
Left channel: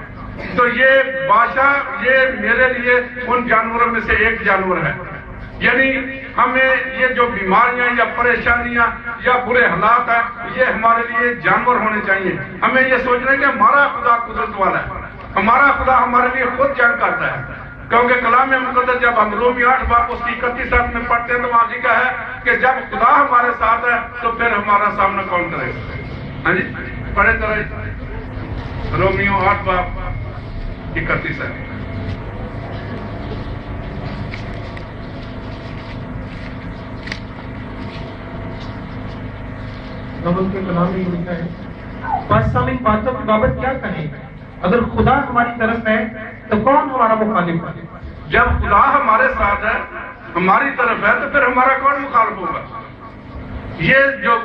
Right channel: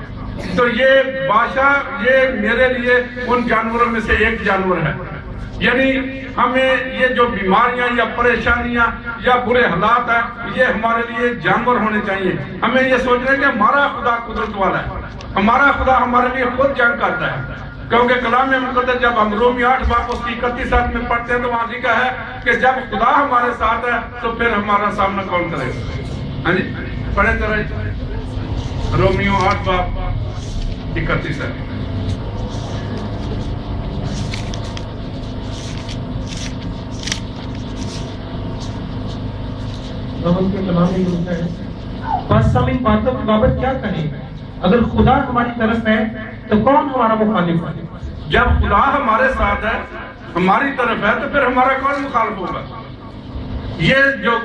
تو یہ بادشاہ یہ میرے لیے ان جانوروں میں سے ایک جانور ہے، یعنی ہمیں یہ جو بیماریاں یا پریشانیاں یا برے حالات ہیں یہ ہمارے لیے جانور ہونے چاہیے۔ ہمیں یہ سوچنا ہے کہ ہمارا خدا قدرت والا ہے، ہمارا خدا ہمارے لیے خود جنگ کرتا ہے، کیونکہ کلام مقدس جب ہم رومی 8 باب اس کی 31 میں پڑھتے ہیں تو وہاں لکھا ہے کہ جب خدا ہمارے ساتھ ہے تو پھر ہمارا سامنا کون کرے گا؟ ہاں جی پڑھے ذرا رومیو 8 باب 31 ہے۔ کے کلام میں لکھا ہے بس ہم ان باتوں کی بابت کیا کہیں، اگر خدا ہماری طرف ہے تو کون ہمارا مخالف ہے؟ جب خدا ہمارے ساتھ ہے ہماری طرف ہے تو پھر ہمارا کون مخالف ہوگا؟ یہ جو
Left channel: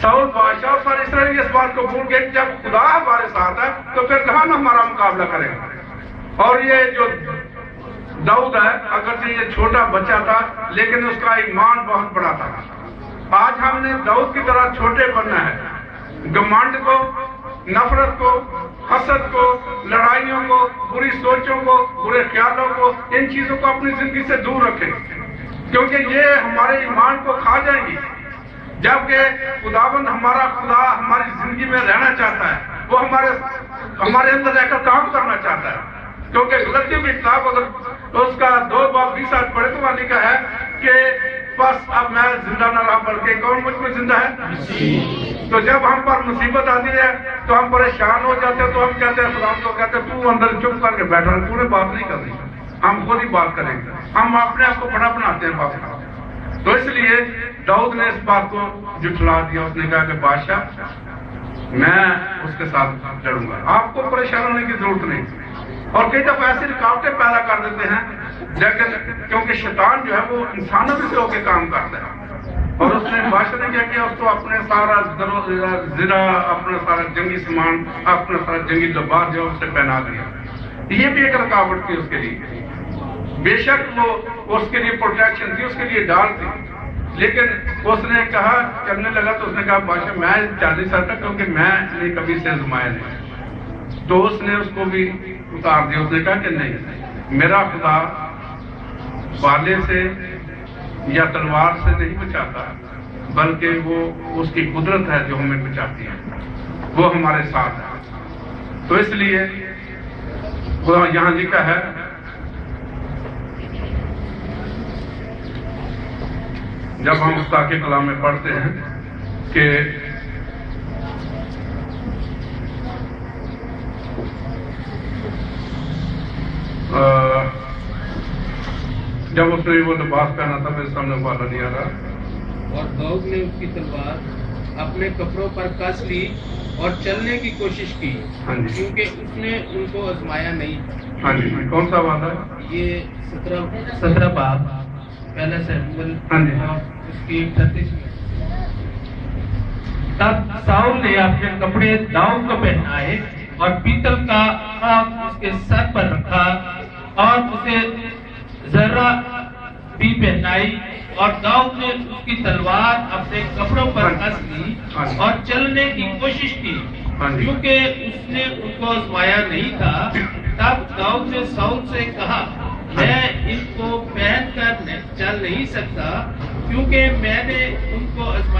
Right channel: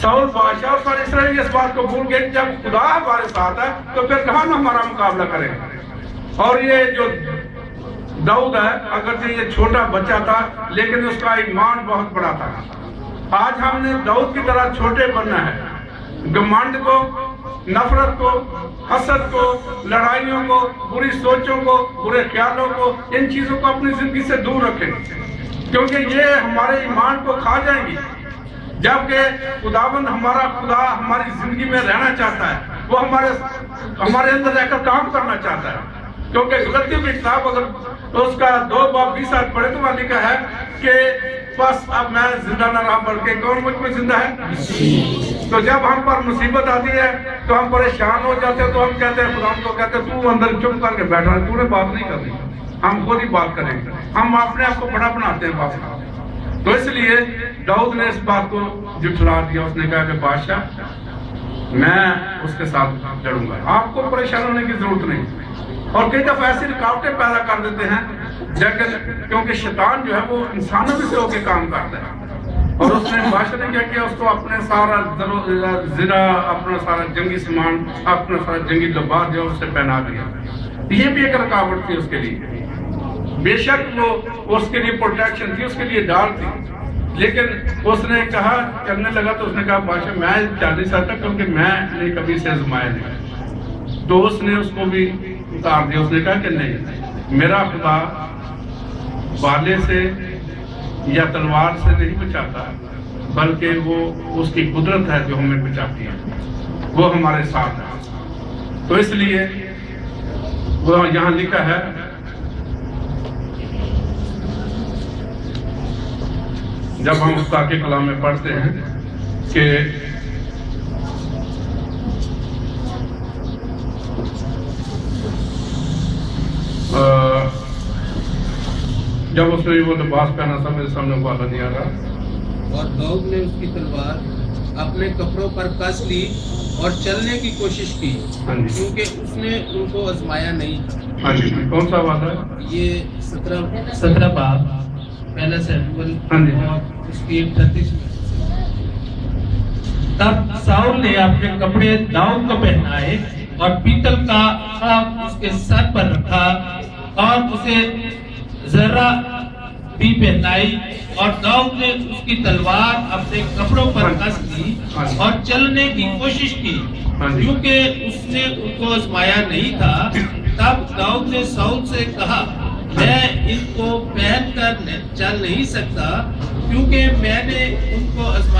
ساؤل بادشاہ اور سارے اسرائیل اس بات کو بھول گئے کہ جب خدا ہمارے ساتھ ہے تو پھر کہاں ہمارا مقابلہ کرے گا؟ اور یہ جو داؤد ہے اگرچہ یہ چھوٹا بچہ تھا لیکن اس کا ایمان بہت بڑا تھا۔ آج ہم نے داؤد کی طرح چھوٹے بننا ہے، گھمنڈ کو، نفرت کو، حسد کو، لڑائیوں کو، بری سوچوں کو، برے خیالوں کو، ان چیزوں کو اپنی زندگی سے دور رکھیں، کیونکہ یہ ہمارے ایمان کو کھا جائیں گی۔ جبکہ خداوند ہمارا خدا ہماری زندگی میں رہنا چاہتا ہے، وہ ہمارے اندر رہ کر کام کرنا چاہتا ہے، کیونکہ غلطیوں کی کتاب اگر اس کا 2 باب 20 آیت پڑھے تو وہاں لکھا ہے کہ بس اب میں زندہ نہ رہا بلکہ کون مجھ میں زندہ ہے۔ تو جب ہم پر مصیبت آتی ہے تو ہم پریشان ہو جاتے ہیں، تو ہم کہتے ہیں خدا کو کہتے ہیں تو اندر چپ کر کے بیٹھا ہے، تو نے بات نہیں کرنی، ہم خود ہی بات کریں گے، ہم اپنے آپ کو بڑا بناتے ہیں بات۔ تو اس لیے داؤد نے اس بات کو جھٹلا دیا، اس نے کہا کہ بادشاہ میں اس کے ساتھ لڑوں گا، آپ کو پریشان ہونے کی ضرورت نہیں۔ اور کئی دفعہ ایسی رکاوٹیں پیدا کر دیتے ہیں کیونکہ شیطان جو ہے وہ انسانوں سے ہو کے کام کرتا ہے، اور اس نے بادشاہ نے کیا کیا، اس کو اپنے سارا زرہ، اپنا سارا جنگی سامان، اپنا سارا جنگی لباس جو اس سے پہنا دیا۔ یہ بھی ایک رکاوٹ تھی اس کے لیے، بے شک وہ اس کے لیے پروٹیکشن تھی، اس کے لیے ڈال تھی، لیکن اس نے کہا کرنے لگا تو اس نے کہا بادشاہ میں جا نہیں سکتا کیونکہ میں نے کبھی سے آزمایا نہیں۔ تو اس نے اس کو بھی اتار دیا، اس نے کہا کہ نہیں، میرا خدا بالے سے یا تلوار سے نہیں بچاتا، بلکہ وہ اس کی قدرت ہے جو ہمیں بچاتی ہے، وہ ہمارے ساتھ ہے۔ تو اس لیے وہ یہاں لکھا ہے جب ہم خدا کے کلام میں پڑھتے ہیں کہ جب اس نے وہ لباس پہنا تھا میرے سامنے والا نہیں آ رہا، اور داؤد نے اس کی تلوار اپنے کپڑوں پر کس لی اور چلنے کی کوشش کی کیونکہ اس نے ان کو آزمایا نہیں تھا۔ ہاں جی کون سا وعدہ ہے؟ یہ 17 باب پہلا سیموئیل اس کی 38 میں۔ تب ساؤل نے اپنے کپڑے داؤد کو پہنائے اور پیتل کا خاک اس کے سر پر رکھا اور اسے ذرا بھی پہنائی، اور داؤد نے اس کی تلوار اپنے کپڑوں پر کس لی اور چلنے کی کوشش کی کیونکہ اس نے ان کو آزمایا نہیں تھا۔ تب داؤد نے ساؤل سے کہا میں ان کو پہن کر چل نہیں سکتا کیونکہ میں نے ان کو آزمایا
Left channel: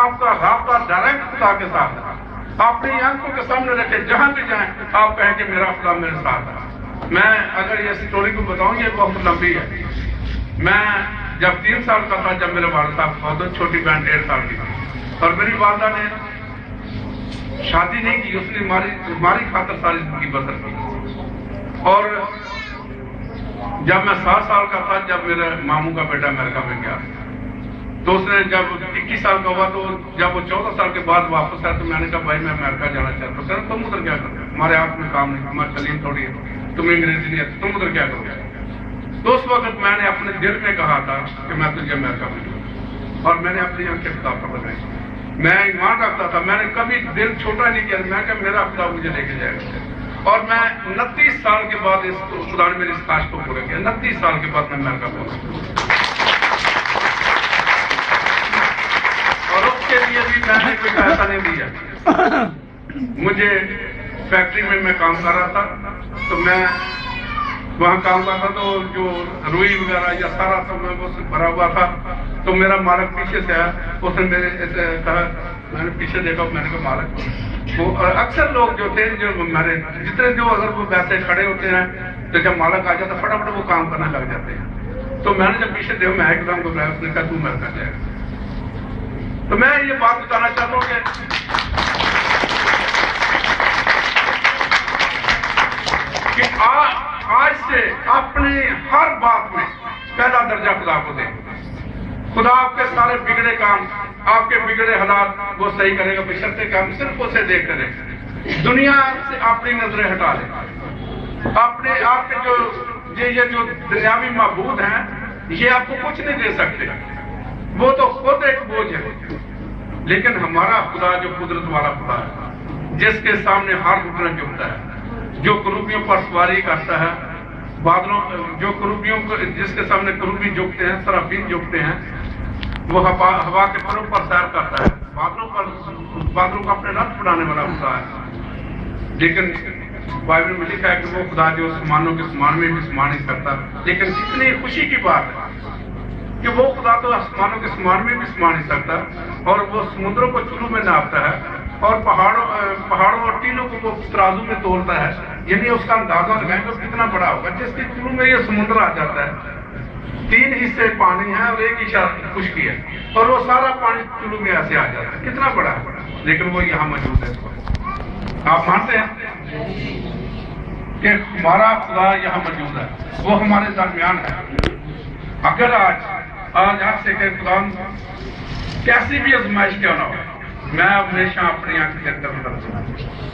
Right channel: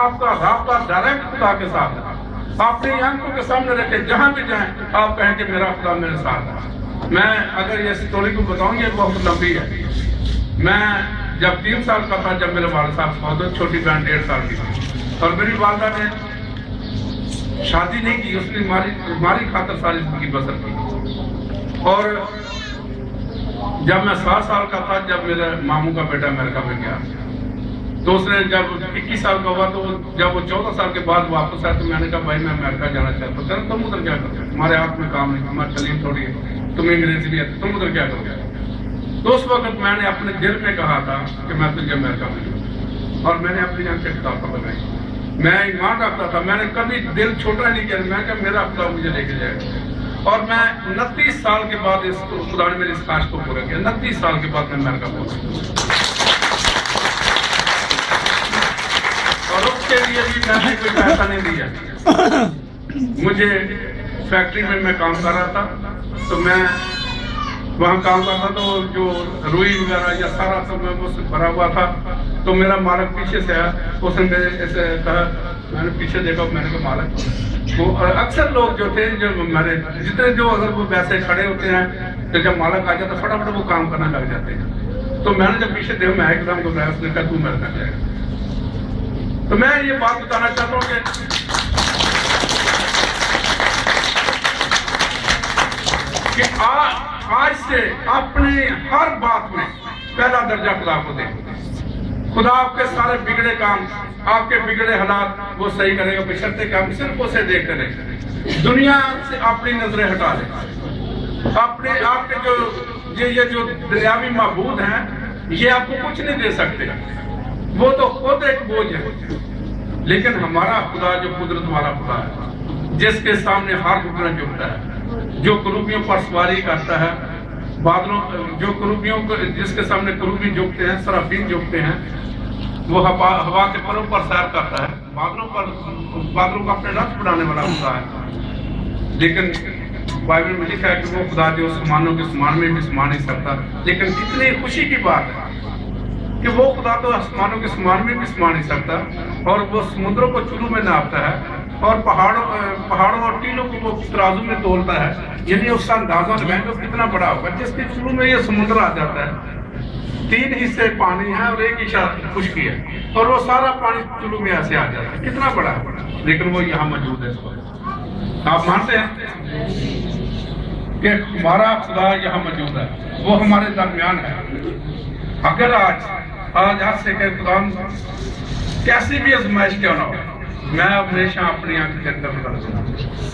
آپ کا رابطہ ڈائریکٹ خدا کے ساتھ ہے. اپنی آنکھوں کے سامنے رکھے, جہاں بھی جائیں آپ کہیں کہ میرا خدا میرے ساتھ ہے. میں اگر یہ اسٹوری کو بتاؤں, یہ بہت لمبی ہے. میں جب 3 سال کا تھا, جب میرے والد صاحب فوت ہوئے, چھوٹی بہن 1.5 سال کی تھی, اور میری والدہ نے شادی نہیں کی, اس نے ماری خاطر ساری زندگی بسر کی. اور جب میں 7 سال کا تھا, جب میرے ماموں کا بیٹا امریکہ میں گیا, تو اس نے جب 21 سال کا ہوا, تو جب وہ 14 سال کے بعد واپس آیا, تو میں نے کہا بھائی میں امریکہ جانا چاہتا ہوں. تم ادھر کیا کرتے, ہمارے ہاتھ میں کام نہیں, ہماری تعلیم تھوڑی ہے, تمہیں انگریزی نہیں آتی, تم ادھر کیا کرو گے. تو اس وقت میں نے اپنے دل میں کہا تھا کہ میں تجھے امریکہ میں جاؤں, اور میں نے اپنی آنکھیں کتاب پڑھائی. میں ایمان رکھتا تھا, میں نے کبھی دل چھوٹا نہیں کیا, میں کہ میرا خدا مجھے لے کے جائے گا. اور میں 29 سال کے بعد اس خدا نے میری اس خواہش کو پورا کیا. 29 سال کے بعد میں امریکہ پہنچا, اور اس کے لیے بھی میں نے کوئی پیسہ نہیں دیا. مجھے فیکٹری میں کام کر رہا تھا, تو میں وہاں کام کرتا, تو جو روئی وغیرہ یا سارا سب اس بھرا ہوا تھا. تو میرا مالک پیچھے سے ہے, اس نے میرے ایسے کہا, میں نے پیچھے دیکھا, میں نے کہا مالک. وہ اکثر لوگ جو تھے, جو ہمارے جتنے جو اگر وہ ویسے کھڑے ہوتے ہیں, تو جب مالک آ جاتا فٹافٹ وہ کام کرنے لگ جاتے ہیں. تو میں نے جب پیچھے دیکھا, میں ایک دم کو گیا, اس نے کہا تو مرنا جائے گا. تو میں یہ بات بتانا چاہتا ہوں کہ آج سے اپنی ہر بات میں پہلا درجہ خدا کو دیں. خدا آپ کے سارے بگڑے کام, آپ کے بگڑے حالات وہ صحیح کرے گا, بشرطے کہ ہم صرف اسے دیکھتے رہیں. دنیا سے اپنی نظریں ہٹا لیں. آپ کے جو یہ جو دنیاوی معبود ہیں, یہ آپ کو کچھ نہیں دے سکتے, وہ تو خود ایک بوجھ ہے. لیکن ہمارا خدا جو قدرت والا خدا ہے, جس کے سامنے ہر گھٹنا جھکتا ہے, جو کروبیوں پر سواری کرتا ہے, بادلوں جو کروبیوں کو, جس کے سامنے کروبی جھکتے ہیں, سرافین جھکتے ہیں, وہ ہوا کے پروں پر سیر کرتا ہے, بادلوں کا اپنے رتھ بنانے والا خدا ہے. لیکن بائبل میں لکھا ہے کہ وہ خدا جو سمانوں کے سمان میں بھی سما نہیں سکتا. لیکن کتنی خوشی کی بات ہے کہ وہ خدا تو آسمانوں کے سمان میں بھی سما نہیں سکتا, اور وہ سمندروں کو چلو میں ناپتا ہے, اور پہاڑوں اور ٹیلوں کو وہ ترازو میں تولتا ہے. یعنی اس کا اندازہ لگائیں گے کتنا بڑا ہوگا, جس کے چلو میں یہ سمندر آ جاتا ہے. 3 حصے پانی ہے اور 1 حصہ خشکی ہے, اور وہ سارا پانی چلو میں ایسے آ جاتا ہے. کتنا بڑا ہے, لیکن وہ یہاں موجود ہے. آپ مانتے ہیں کہ ہمارا خدا یہاں موجود ہے, وہ ہمارے درمیان ہے. اگر آج سے کہ قرآن کیسی بھی آزمائش کیوں نہ ہو, میں ہمیشہ اپنی آنکھ کے اندر رکھوں,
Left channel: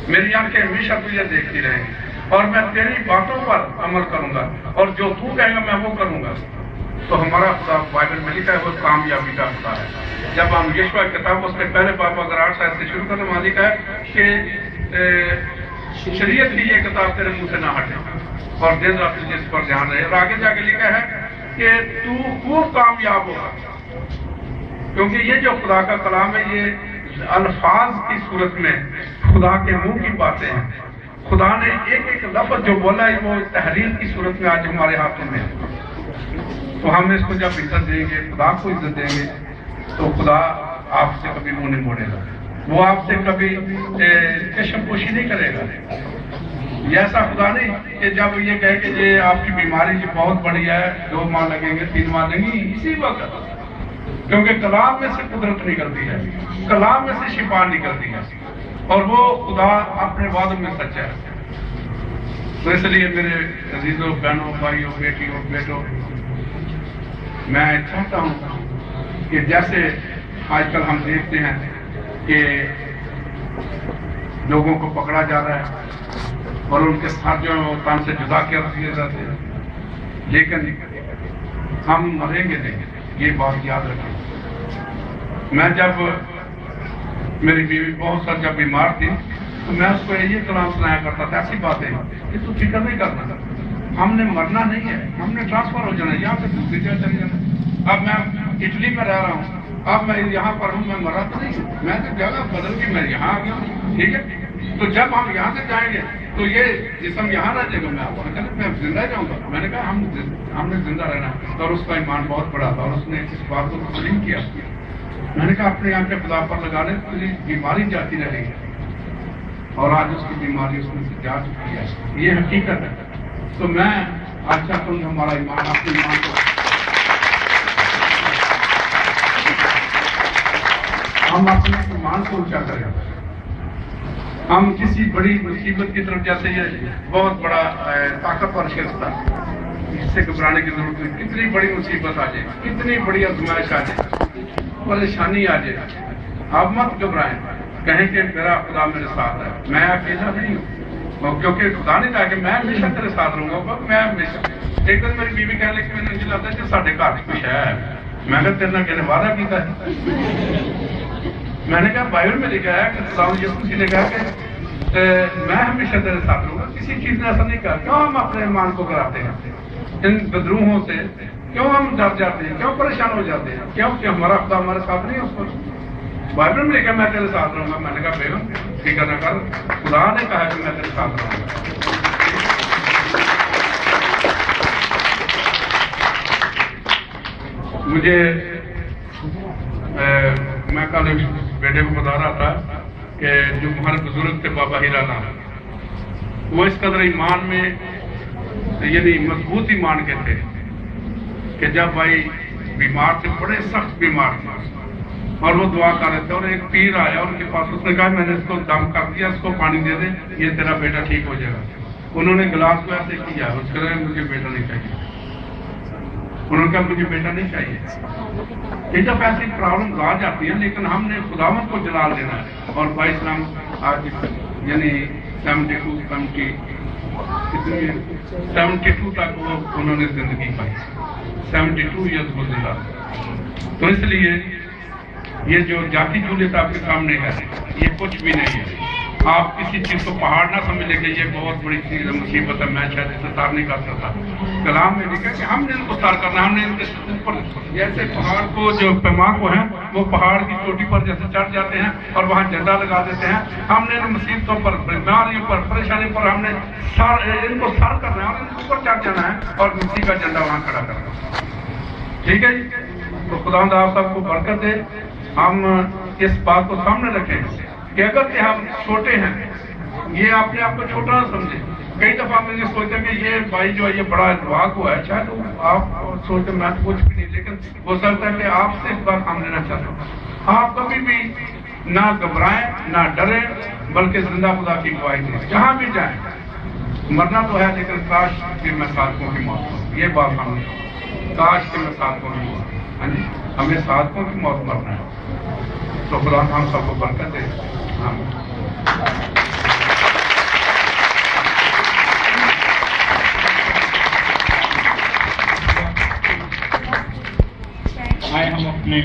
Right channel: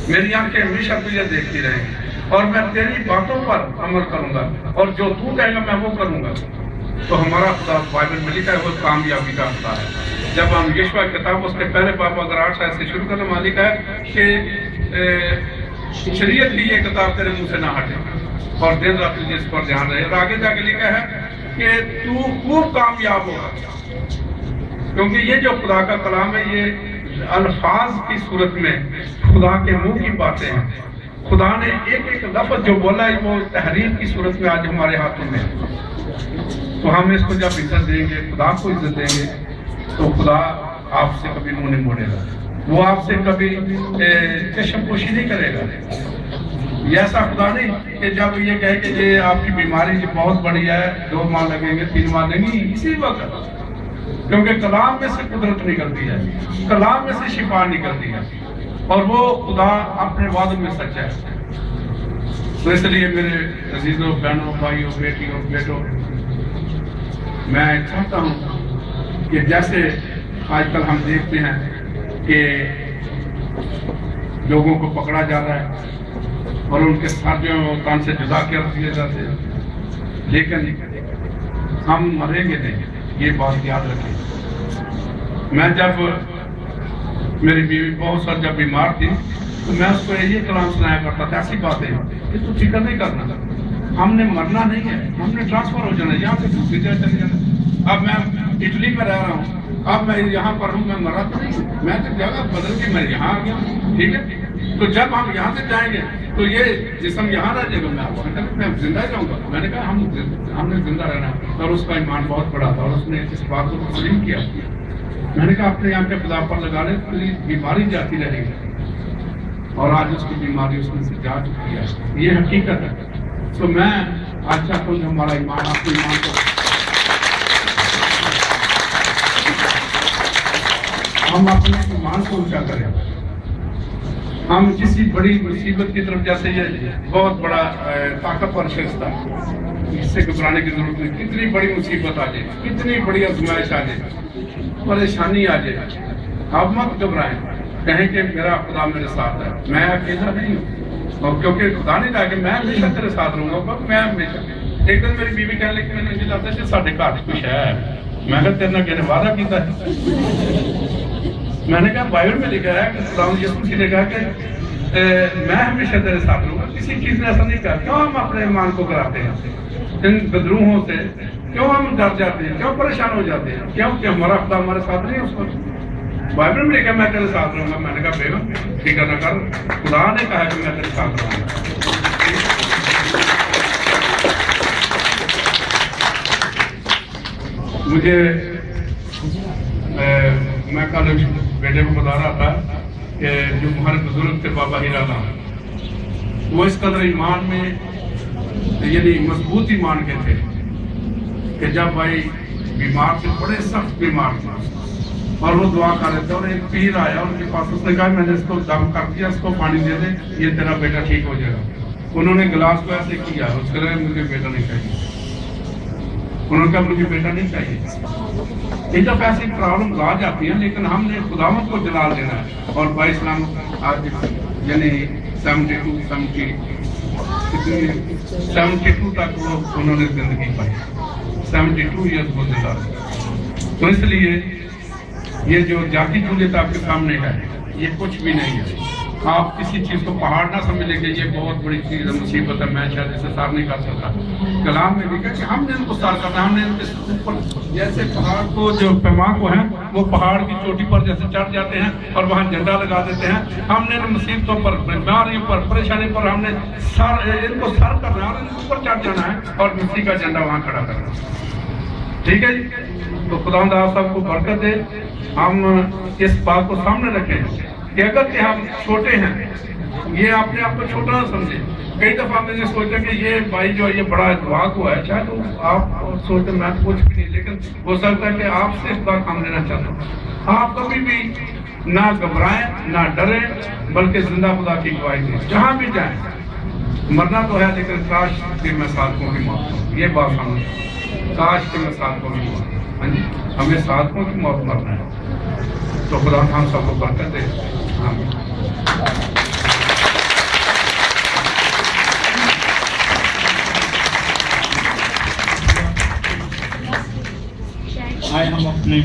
میری آنکھیں ہمیشہ تجھے دیکھتی رہیں, اور میں تیری باتوں پر عمل کروں گا, اور جو تو کہے گا میں وہ کروں گا. تو ہمارا خدا بائبل میں لکھا ہے وہ کامیابی کا خدا ہے. جب ہم یشوع کتاب اس کے پہلے باب اگر 8 آیت سے شروع کرنے میں لکھا ہے کہ شریعت ہی یہ کتاب تیرے منہ سے نہ ہٹے, اور دن رات تجھے اس پر دھیان رہے. اور آگے جا کے لکھا ہے کہ تو خوب کامیاب ہوگا, کیونکہ یہ جو خدا کا کلام ہے یہ الفاظ کی صورت میں خدا کے منہ کی باتیں ہیں. خدا نے ایک لفظ جو بولا ہے وہ تحریر کی صورت میں آج ہمارے ہاتھوں میں ہے. تو ہم اس کو جب عزت دیں گے, خدا کو عزت دیں گے, تو خدا آپ سے کبھی منہ نہیں موڑے گا, وہ آپ سے کبھی چشم پوشی نہیں کرے گا. یہ ایسا خدا نہیں کہ جب یہ کہے کہ یہ آپ کی بیماری جو بہت بڑی ہے, 2 ماہ لگیں گے, 3 ماہ لگیں گے, اسی وقت, کیونکہ کلام میں سے قدرت نکلتی ہے, کلام میں سے شفا نکلتی ہے, اور وہ خدا اپنے وعدوں میں سچا ہے. تو اس لیے میرے عزیزوں, بہنوں, بھائیوں, بیٹیوں, بیٹوں, میں چاہتا ہوں کہ جیسے آج کل ہم دیکھتے ہیں کہ لوگوں کو پکڑا جا رہا ہے اور ان کے ساتھیوں تان سے جدا کر دیے جاتے ہیں, لیکن ہم مریں گے نہیں, یہ بات یاد رکھیں. میں جب میری بیوی بہت سال جب بیمار تھی تو میں اس کو یہ کلام سنایا کرتا تھا, ایسی باتیں کہ تو فکر نہیں کرنا, ہم نے مرنا نہیں ہے, ہم نے ٹرانسفر ہو جانا ہے, یہاں سے دوسری جگہ چلے جانا. اب میں اٹلی میں رہ رہا ہوں, اب میں یہاں پر ہوں, میں مرا تو نہیں, میں تو جگہ بدل کے میں یہاں آ گیا ہوں, ٹھیک ہے. تو جب ہم یہاں سے جائیں گے تو یہ جسم یہاں رہ جائے گا, میں زندہ جاؤں گا. میں نے کہا ہم نے زندہ رہنا. اور اس کا ایمان بہت بڑا تھا اور اس نے اس بات کو تسلیم کیا. میں نے کہا اپنے یہاں کے خدا پر لگا لے تو بیماری جاتی رہے گی, اور آج اس کی بیماری اس میں سے جا چکی ہے. یہ حقیقت ہے. تو میں آج چاہتا ہوں کہ ہمارا ایمان, آپ کے ایمان کو ہم اپنے ایمان کو اونچا کریں. ہم کسی بڑی مصیبت کی طرف, جیسے یہ بہت بڑا طاقتور شخص تھا, اس سے گھبرانے کی ضرورت نہیں. کتنی بڑی مصیبت آ جائے, کتنی بڑی آزمائش آ جائے, پریشانی آ جائے, آپ مت گھبرائیں. کہیں کہ میرا خدا میرے ساتھ ہے, میں اکیلا نہیں ہوں. اور کیونکہ خدا نے کہا کہ میں ہمیشہ تیرے ساتھ رہوں گا, میں ہمیشہ. ایک دن میری بیوی کہنے لگی, میں نے لگتا ہے کہ ساڈے گھر کچھ ہے. میں نے تیرے کہنے وعدہ کیتا ہے. میں نے کہا بائبل میں لکھا ہے کہ خدا یسوع مسیح نے کہا کہ میں ہمیشہ تیرے ساتھ رہوں گا. کسی چیز نے ایسا نہیں کہا. کیوں ہم اپنے ایمان کو کراتے ہیں ان بدروہوں سے؟ کیوں ہم ڈر جاتے ہیں, کیوں پریشان ہو جاتے ہیں؟ کیوں کہ ہمارا خدا ہمارے ساتھ نہیں ہے. اس کو بائبل میں لکھا میں تیرے ساتھ رہوں گا. میں نے کہا بیگم فکر نہ کر, خدا نے کہا کہ میں تیرے ساتھ رہوں گا. مجھے میں کل بیٹے کو بتا رہا تھا کہ جو ہمارے بزرگ تھے بابا ہیرا نام, وہ اس قدر ایمان میں یعنی مضبوط ایمان کے تھے کہ جب بھائی بیمار تھے, بڑے سخت بیمار تھے, اور وہ دعا کر رہے تھے, اور ایک پیر آیا ان کے پاس. اس نے کہا میں نے اس کو دم کر دیا, اس کو پانی دے دے, یہ تیرا بیٹا ٹھیک ہو جائے گا. انہوں نے گلاس کو ایسے کیا, اس کے لیے مجھے بیٹا نہیں چاہیے. انہوں نے کہا مجھے بیٹا نہیں چاہیے. یہ جب ایسی پرابلم آ جاتی ہیں, لیکن ہم نے خداوند کو جلال دینا ہے. اور بھائی اسلام آج یعنی 72 تک وہ انہوں نے زندگی پائی, 72 ایئرس وہ زندہ. تو اس لیے یہ جو جاتی جھولیت آپ کے سامنے ہے, یہ کچھ بھی نہیں ہے. آپ کسی چیز کو پہاڑ نہ سمجھ لیں کہ یہ بہت بڑی چیز ہے, مصیبت ہے, میں شاید اسے سار نہیں کر سکتا. کلام میں لکھا کہ ہم نے ان کو سار کرنا. ہم نے ان کے اوپر جیسے پہاڑ کو, جو پیما کو ہیں وہ پہاڑ کی چوٹی پر جیسے چڑھ جاتے ہیں اور وہاں جھنڈا لگا دیتے ہیں, ہم نے ان مصیبتوں پر, بیماریوں پر, پریشانی پر ہم نے ان کو سار کرنا ہے, ان کے اوپر چڑھ جانا ہے اور مسیح کا جھنڈا وہاں کھڑا کرنا. ٹھیک ہے جی. تو خداوند آپ سب کو برکت دے. ہم اس بات کو سامنے رکھیں کہ اگر کہ ہم چھوٹے ہیں, یہ اپنے آپ کو چھوٹا نہ سمجھے. کئی دفعہ ہم نے سوچا کہ یہ بھائی جو ہے یہ بڑا دعا ہوا ہے, شاید آپ سوچتے میں کچھ بھی نہیں, لیکن ہو سکتا ہے کہ آپ سے اس بات ہم لینا چاہتے ہیں. آپ کبھی بھی نہ گھبرائیں, نہ ڈریں, بلکہ زندہ خدا کی گواہی دیں. جہاں بھی جائیں, مرنا تو ہے لیکن کاش کہ میں صادقوں کی موت ہوں. یہ بات سمجھ, کاش کہ میں صادقوں کی موت ہوں. ہمیں صادقوں کی موت مرنا ہے. تو خدا ہم سب کو برکت دے. آئے ہم اپنے